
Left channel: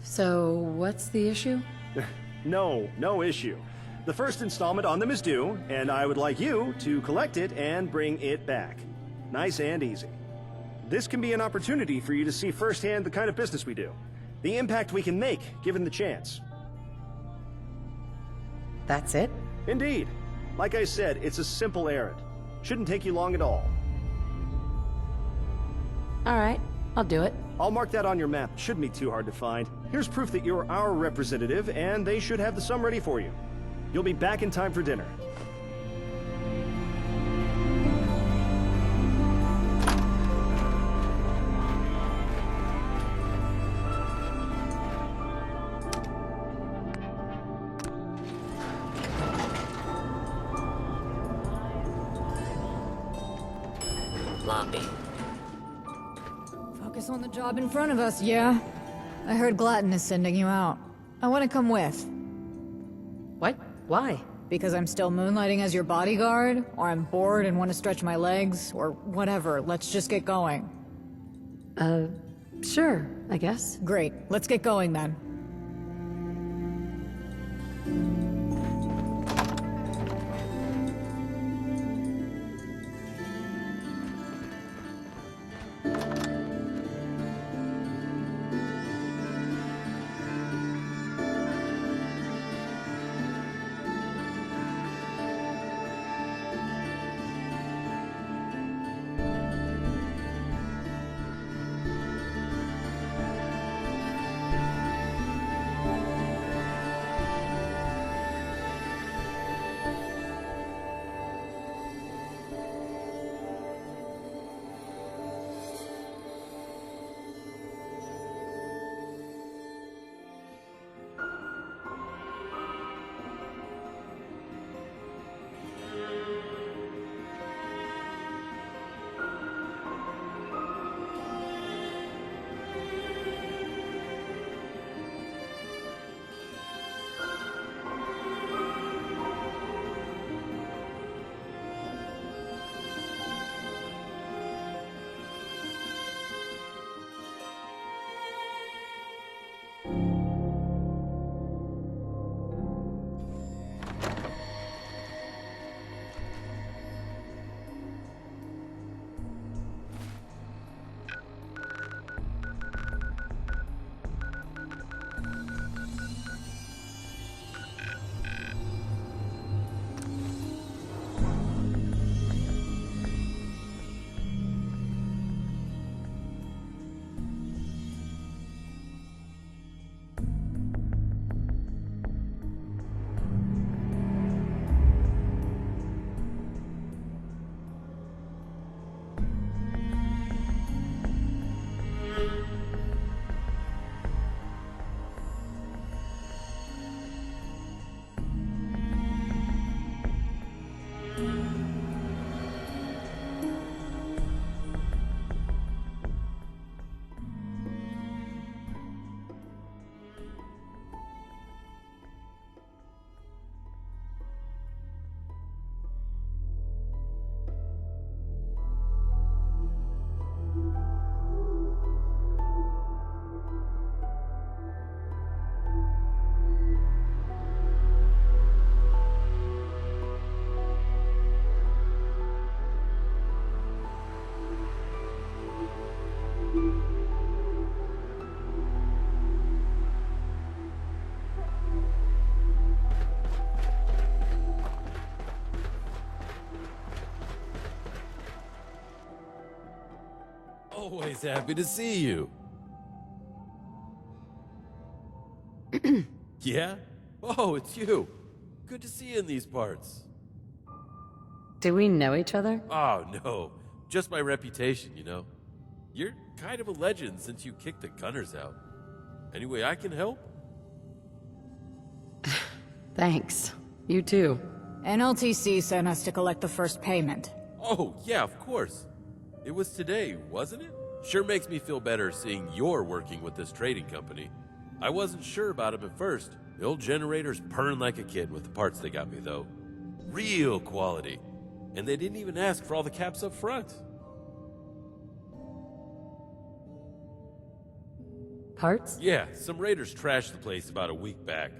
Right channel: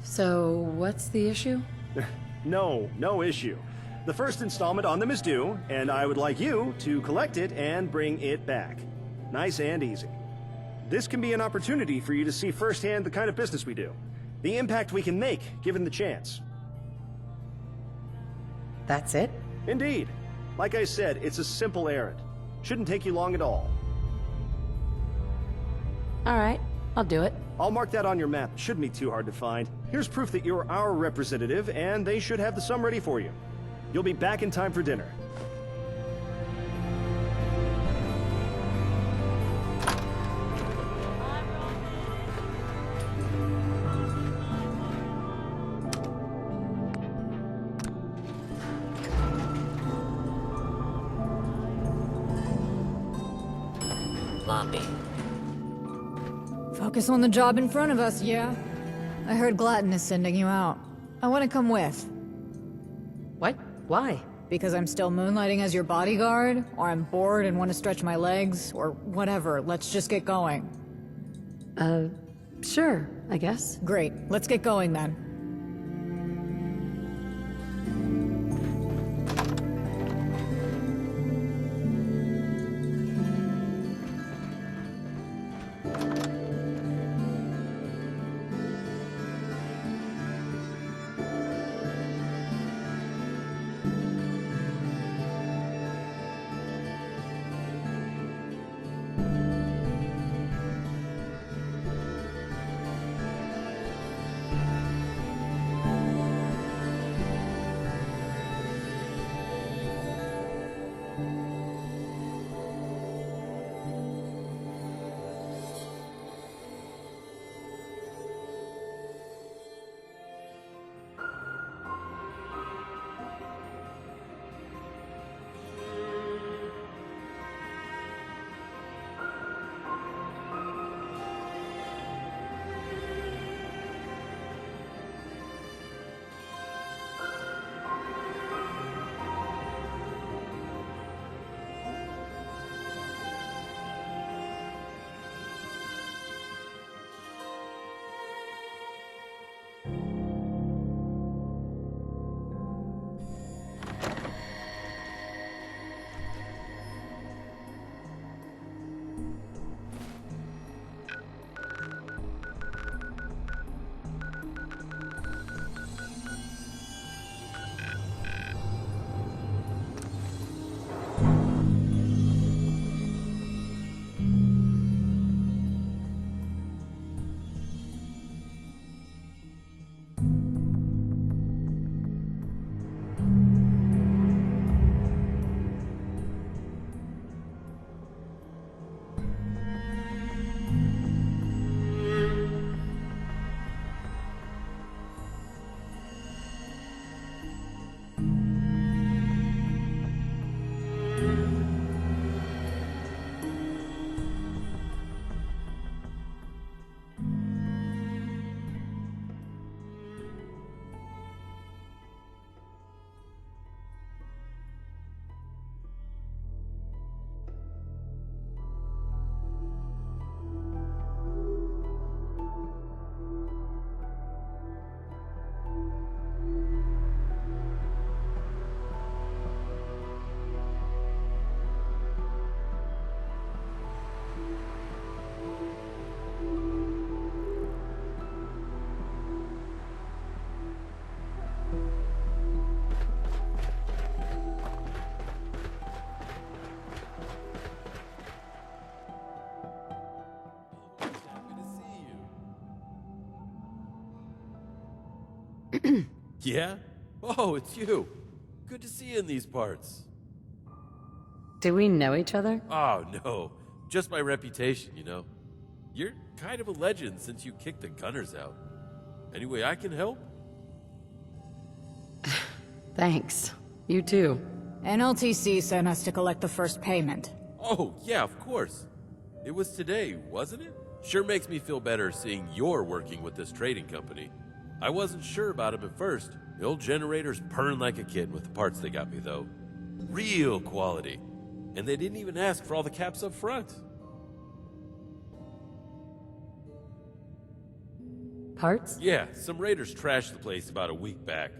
So, what's the issue? No issue. The first installment on them is due, and I would like you to collect it and bring it back. Nice and easy. This can be an opportunity for you to see firsthand the kind of business we do. The impact we can make, given the chance. That's it? Indeed. Like I said, it's a simple errand. Shouldn't take you long at all. Alright, I'll do it. I'll mark that on your map. Shouldn't be too hard to find. Here's proof that you're our representative, and they should have the sum ready for you. You'll be back in time for dinner. Lobby. Focus on the job in front of us, yeah? I heard Glatton is sending you out. I want to come with. What? Why? Because I'm still moonlighting as your bodyguard, or I'm bored and want to stretch my legs, or whatever. Let's just get going. Sure, I guess. Great. Let's get going then. Just happy to see you. Yeah? Oh, it's you. Good to see you in these parts. Do we know each other? Oh, no. Just my reputation, you know. You're kind of a legend since you kicked the gunners out. Any way I can help? Thanks. You too. NLTC sent us to collect the first payment. Oh, yeah, of course. It was today, wasn't it? Sure makes me feel better seeing you're working with this trading company. I wasn't sure about him at first. The old generator's purring like a kid with the parts they got me, though. Real quality. And they didn't even ask for all the caps up front. Parts? Yeah, some raiders trashed the place about a week back.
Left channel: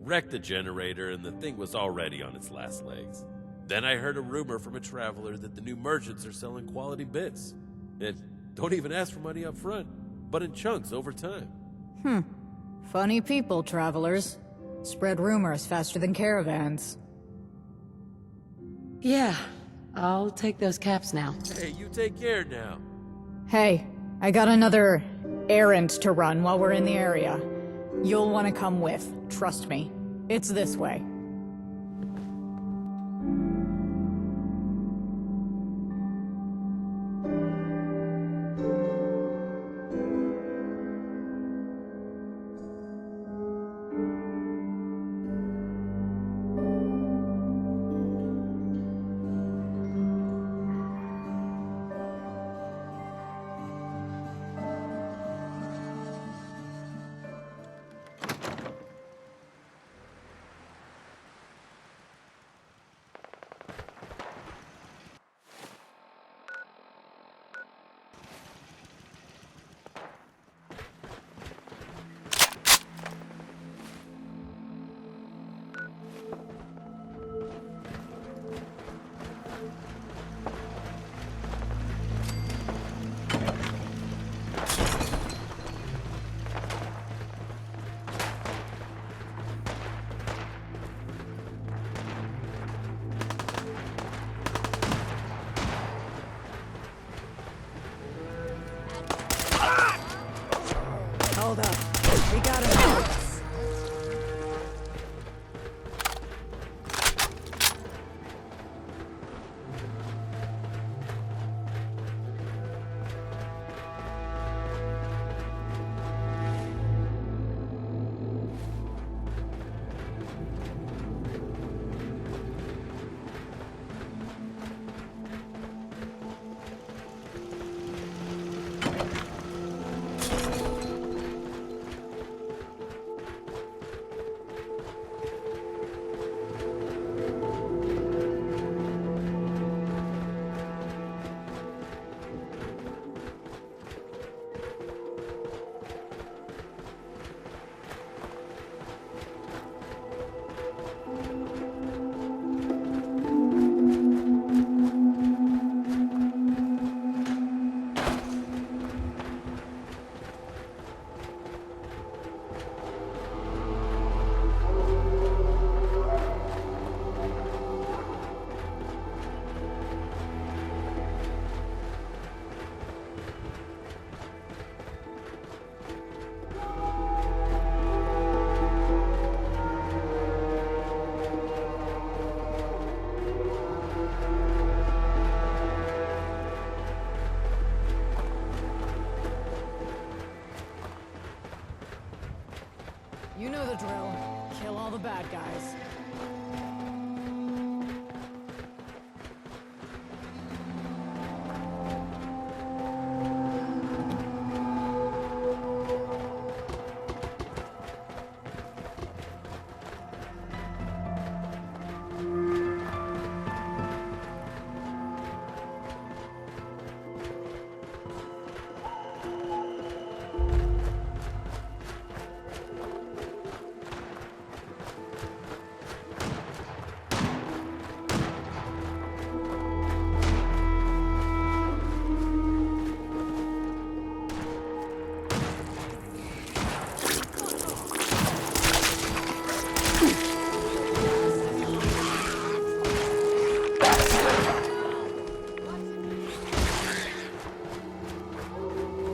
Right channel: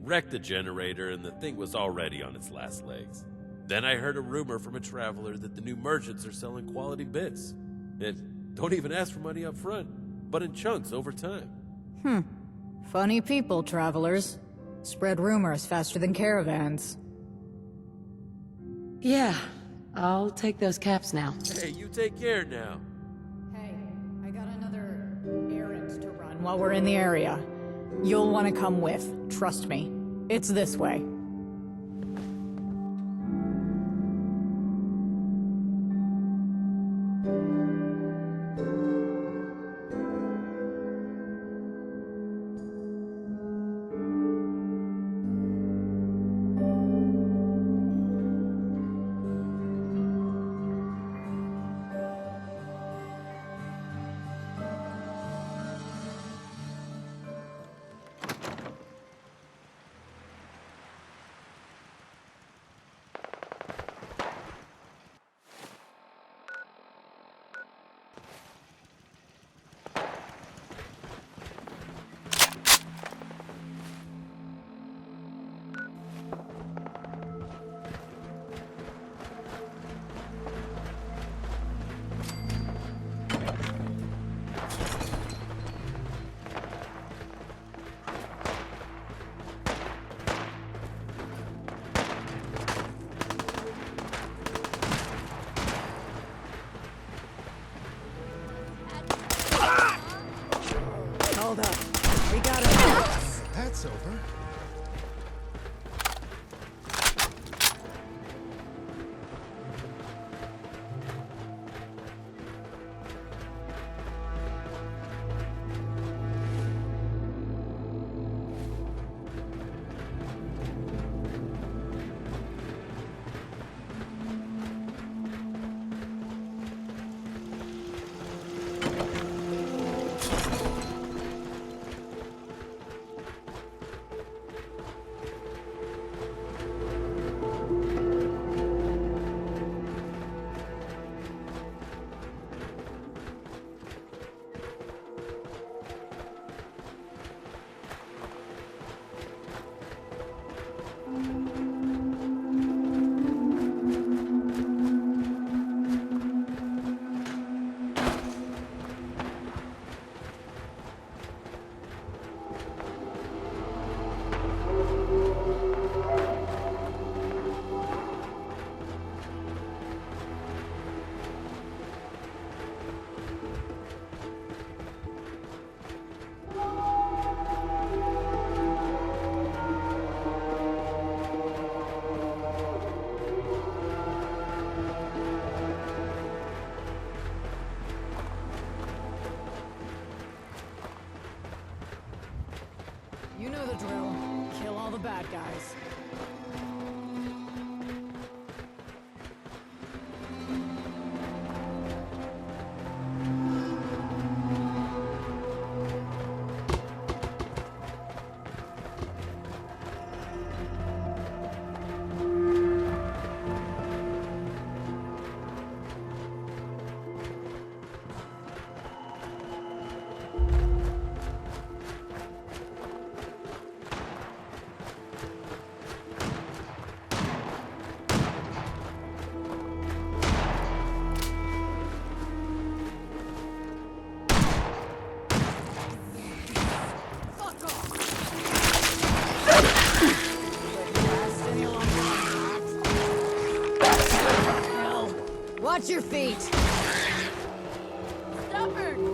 Wrecked the generator, and the thing was already on its last legs. Then I heard a rumor from a traveler that the new merchants are selling quality bits. And don't even ask for money up front, but in chunks over time. Funny people, travelers. Spread rumors faster than caravans. Yeah. I'll take those caps now. Hey, you take care now. Hey, I got another errand to run while we're in the area. You'll want to come with, trust me. It's this way. Hold up. We got him. That's over. You know the drill. Kill all the bad guys. Watch your feet. Stubborn.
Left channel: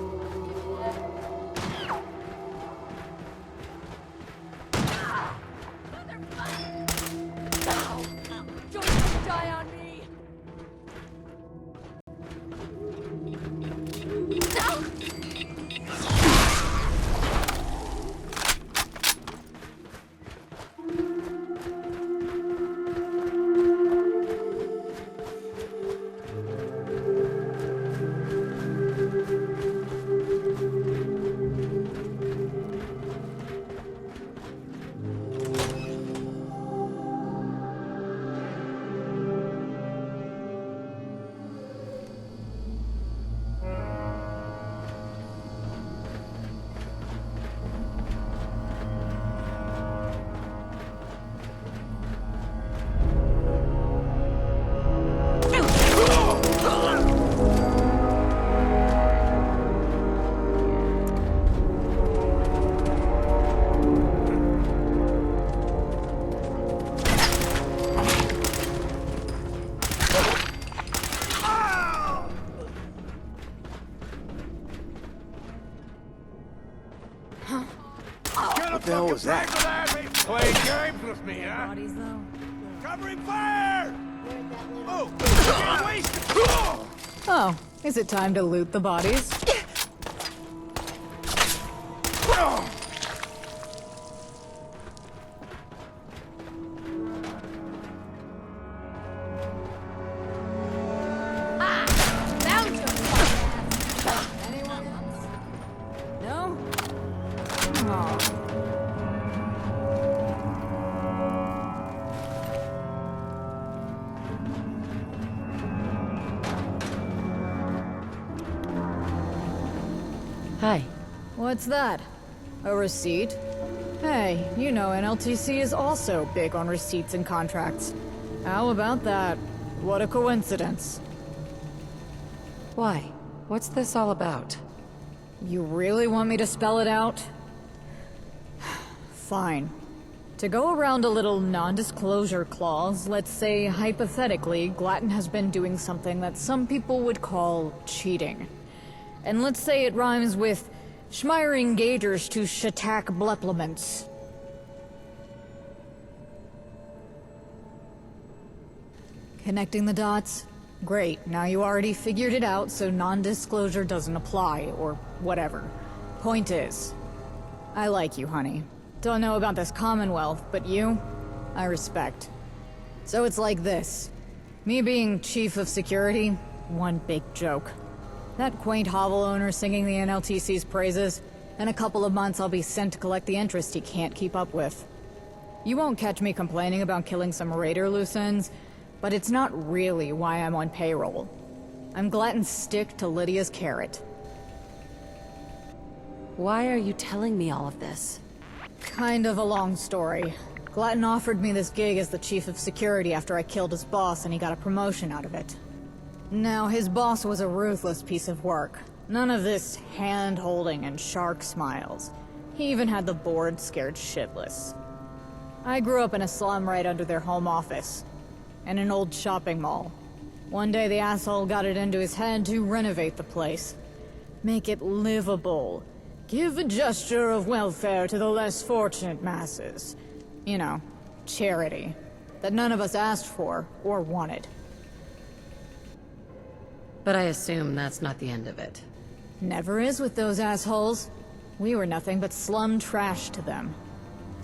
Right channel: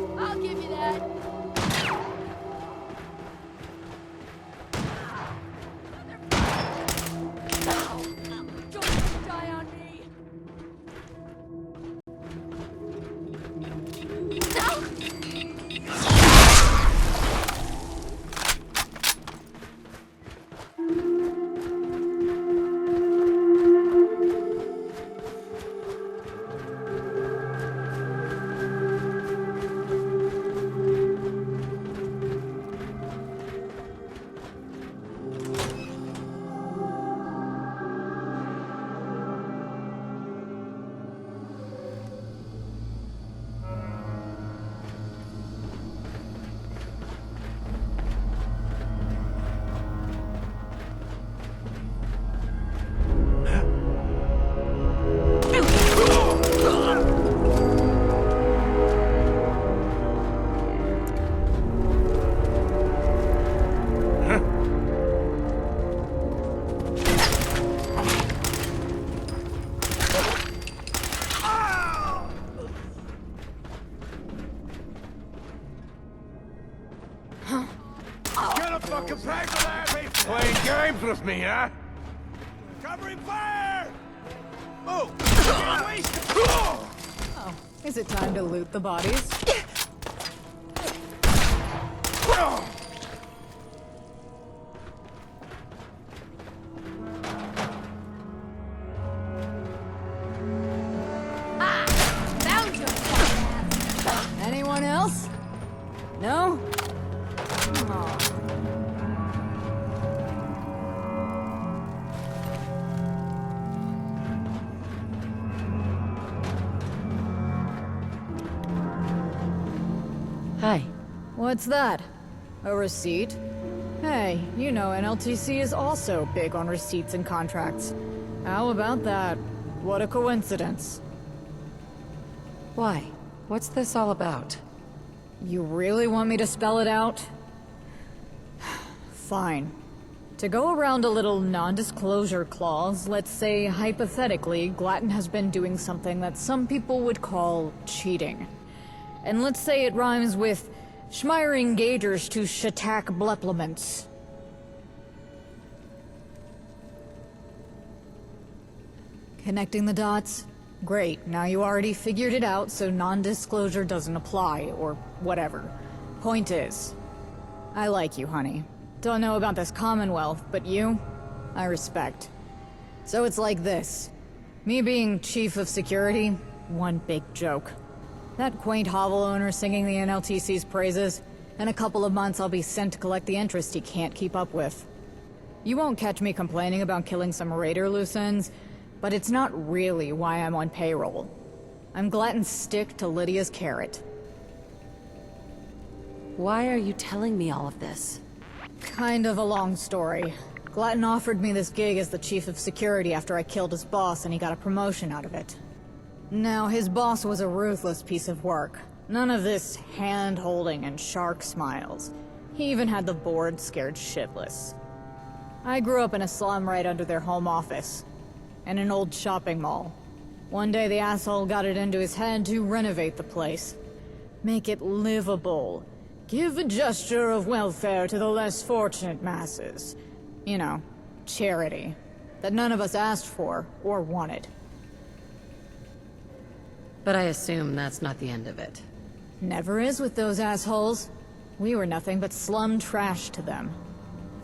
Get a fucking break with that! Playing games with me, huh? Covering fire! Oh! Get wasted! Oh, is it time to loot the bodies? Found your fucking ass. Anyone else? No? Oh. Hi. What's that? A receipt? Hey, you know NLTC is also big on receipts and contracts. How about that? What a coincidence. Why? What's this all about? You really want me to spell it out? Fine. To go around a little non-disclosure clause, let's say hypothetically, Glatton has been doing something that some people would call cheating. And let's say it rhymes with schmiring gators to shatak bleplements. Connecting the dots? Great, now you already figured it out, so non-disclosure doesn't apply, or whatever. Point is, I like you, honey. Don't know about this Commonwealth, but you, I respect. So it's like this. Me being chief of security, one big joke. That quaint hovel owner singing the NLTC's praises. In a couple of months I'll be sent to collect the interest he can't keep up with. You won't catch me complaining about killing some raider loose ends, but it's not really why I'm on payroll. I'm Glatton's stick to Lydia's carrot. Why are you telling me all of this? Kind of a long story. Glatton offered me this gig as the chief of security after I killed his boss and he got a promotion out of it. Now, his boss was a ruthless piece of work. None of this hand-holding and shark smiles. He even had the board scared shitless. I grew up in a slum right under their home office, in an old shopping mall. One day the asshole got it into his head to renovate the place. Make it livable. Give a gesture of welfare to the less fortunate masses. You know, charity. That none of us asked for, or wanted. But I assume that's not the end of it. Never is with those assholes. We were nothing but slum trash to them.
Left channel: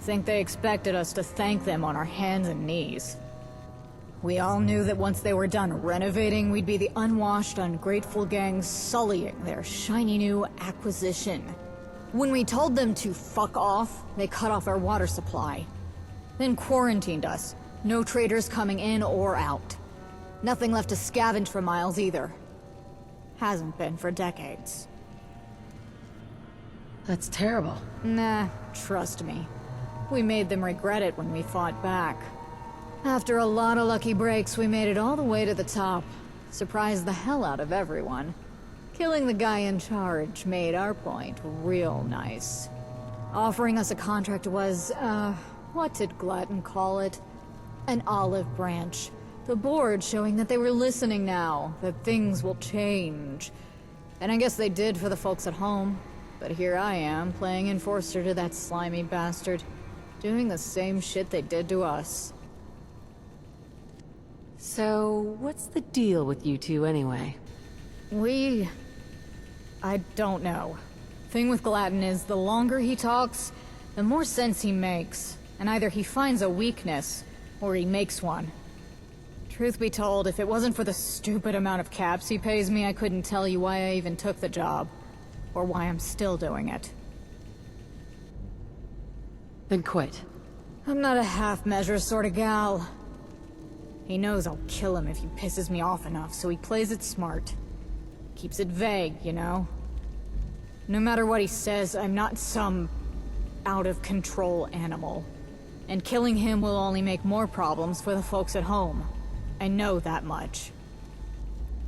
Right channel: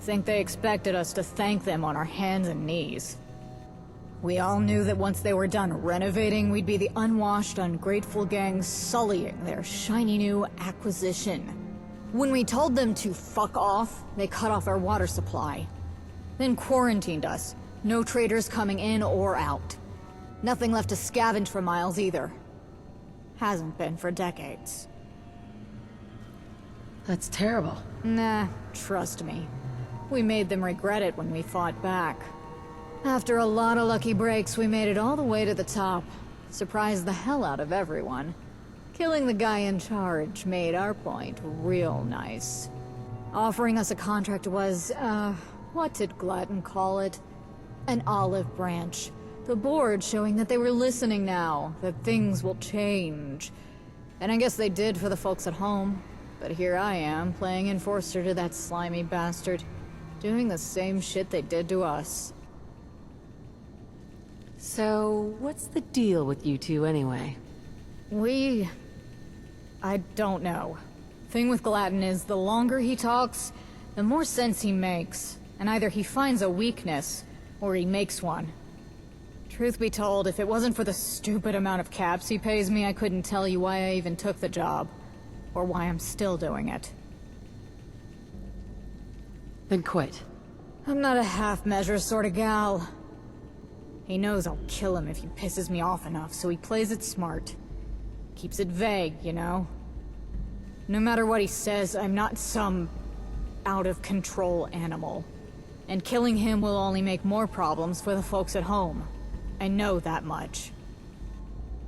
Think they expected us to thank them on our hands and knees. We all knew that once they were done renovating, we'd be the unwashed, ungrateful gang sullying their shiny new acquisition. When we told them to fuck off, they cut off our water supply. Then quarantined us. No traders coming in or out. Nothing left to scavenge for miles either. Hasn't been for decades. That's terrible. Nah, trust me. We made them regret it when we fought back. After a lot of lucky breaks, we made it all the way to the top. Surprised the hell out of everyone. Killing the guy in charge made our point real nice. Offering us a contract was, what did Glatton call it? An olive branch. The board showing that they were listening now, that things will change. And I guess they did for the folks at home. But here I am, playing enforcer to that slimy bastard. Doing the same shit they did to us. So, what's the deal with you two anyway? I don't know. Thing with Glatton is, the longer he talks, the more sense he makes. And either he finds a weakness, or he makes one. Truth be told, if it wasn't for the stupid amount of caps he pays me, I couldn't tell you why I even took the job. Or why I'm still doing it. Then quit. I'm not a half-measure sort of gal. He knows I'll kill him if he pisses me off enough, so he plays it smart. Keeps it vague, you know? No matter what he says, I'm not some out-of-control animal. And killing him will only make more problems for the folks at home. I know that much.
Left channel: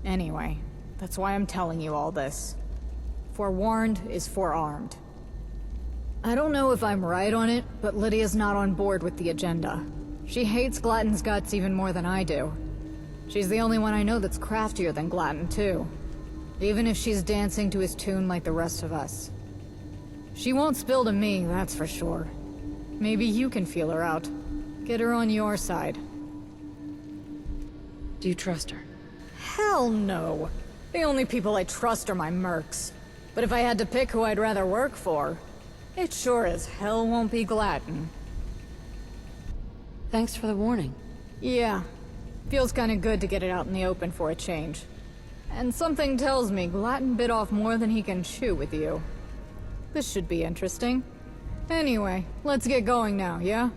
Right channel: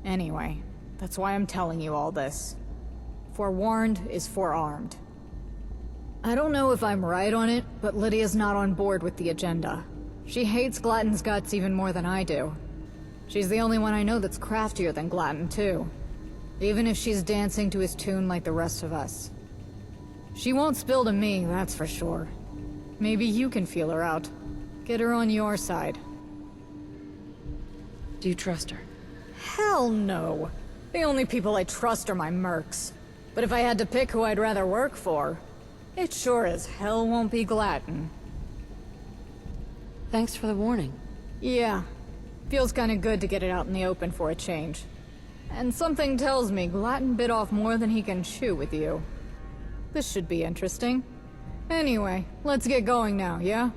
Anyway, that's why I'm telling you all this. Forewarned is forearmed. I don't know if I'm right on it, but Lydia's not on board with the agenda. She hates Glatton's guts even more than I do. She's the only one I know that's craftier than Glatton, too. Even if she's dancing to his tune like the rest of us. She won't spill to me, that's for sure. Maybe you can feel her out. Get her on your side. Do you trust her? Hell no. The only people I trust are my mercs. But if I had to pick who I'd rather work for, it sure as hell won't be Glatton. Thanks for the warning. Yeah. Feels kinda good to get it out in the open for a change. And something tells me Glatton bit off more than he can chew with you. This should be interesting. Anyway, let's get going now, yeah?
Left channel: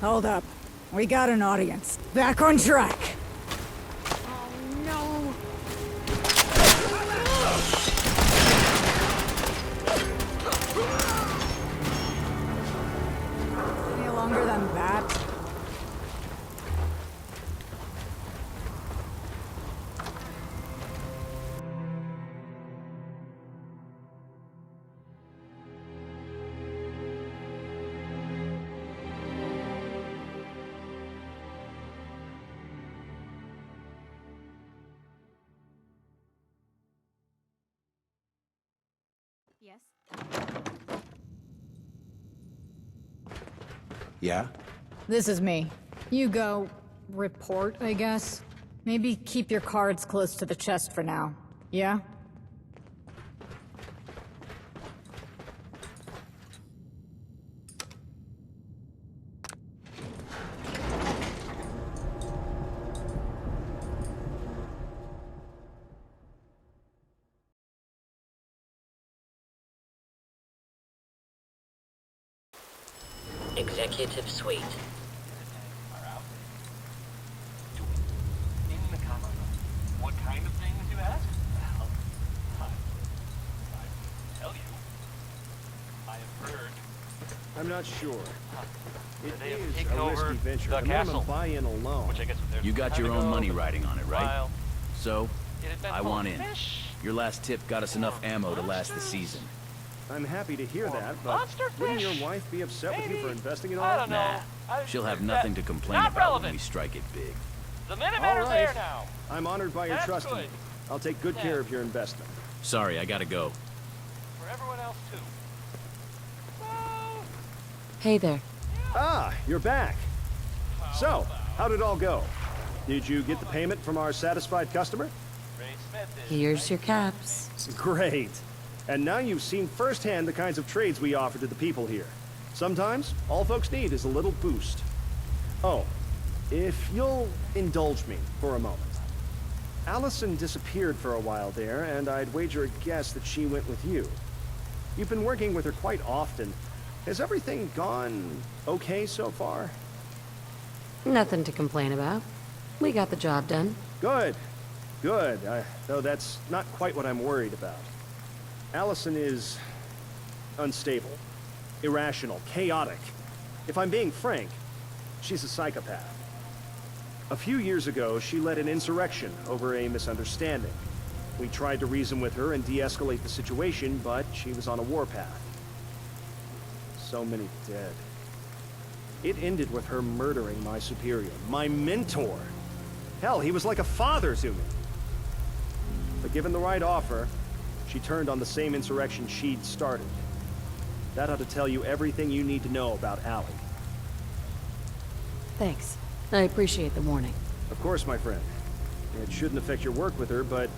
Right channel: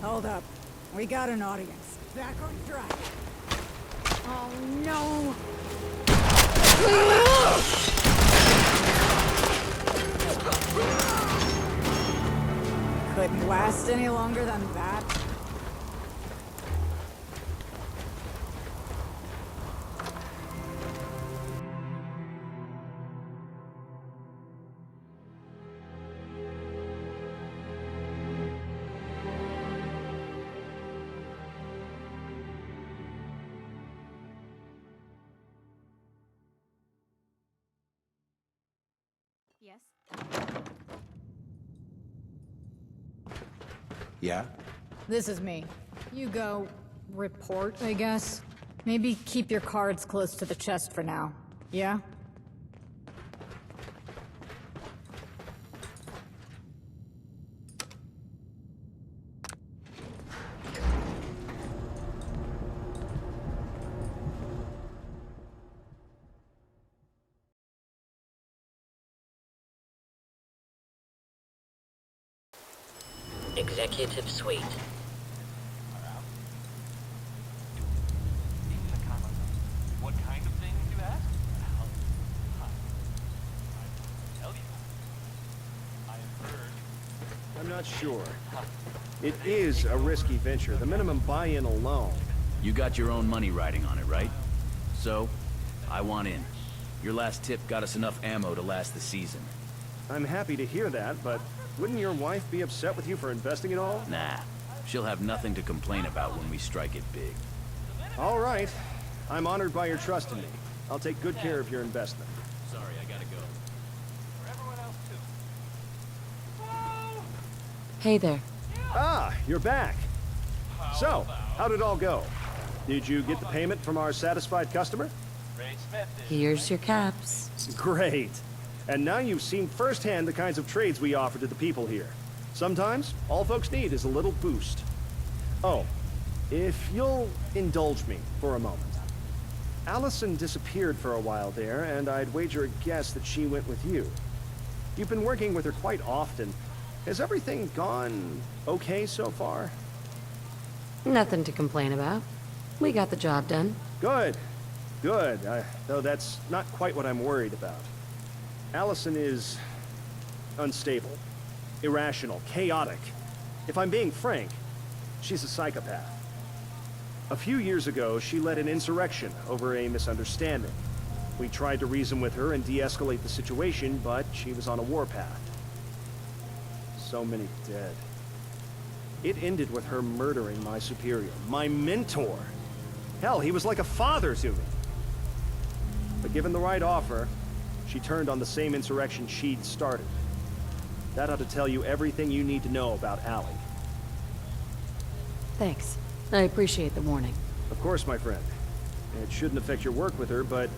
Hold up. We got an audience. Back on track. Oh no! Couldn't last any longer than that. Yes? Yeah? This is me. You go... report, I guess? Maybe keep your cards close to the chest for now. Yeah? Executive Suite. Are out. In the common room. What kind of things, you ask? Well, I will tell you. I have heard. I'm not sure. It They is taken a risky over venture. the The minimum castle, buy-in alone. which I guess if there's You got your time own to money go, riding on it, right? while So, it had been I want in. fish. Your last tip got us enough ammo to last the season. I'm happy to hear that, but wouldn't your wife be upset with you for investing it all? Nah. She'll have nothing to complain about when we strike it big. All right. I'm honored by your trust in me. I'll take good care of your investment. Sorry, I gotta go. For everyone else, too. Hey there. Ah, you're back. So, how did it all go? Did you get the payment from our satisfied customer? Here's your caps. Great. And now you've seen firsthand the kinds of trades we offer to the people here. Sometimes, all folks need is a little boost. Oh, if you'll indulge me for a moment. Allison disappeared for a while there, and I'd wager a guess that she went with you. You've been working with her quite often. Has everything gone okay so far? Nothing to complain about. We got the job done. Good. Good. Though that's not quite what I'm worried about. Allison is unstable, irrational, chaotic. If I'm being frank, she's a psychopath. A few years ago, she led an insurrection over a misunderstanding. We tried to reason with her and de-escalate the situation, but she was on a warpath. So many dead. It ended with her murdering my superior, my mentor. Hell, he was like a father to me. But given the right offer, she turned on the same insurrection she'd started. That ought to tell you everything you need to know about Allie. Thanks. I appreciate the warning. Of course, my friend. It shouldn't affect your work with her, but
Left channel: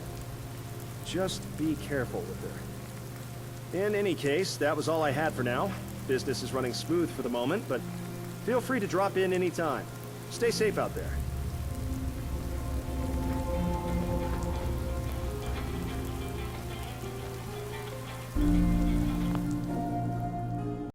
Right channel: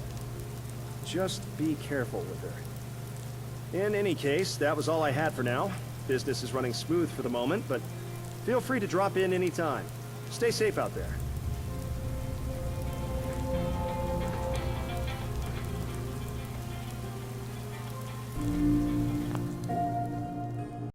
just be careful with her. In any case, that was all I had for now. Business is running smooth for the moment, but feel free to drop in anytime. Stay safe out there.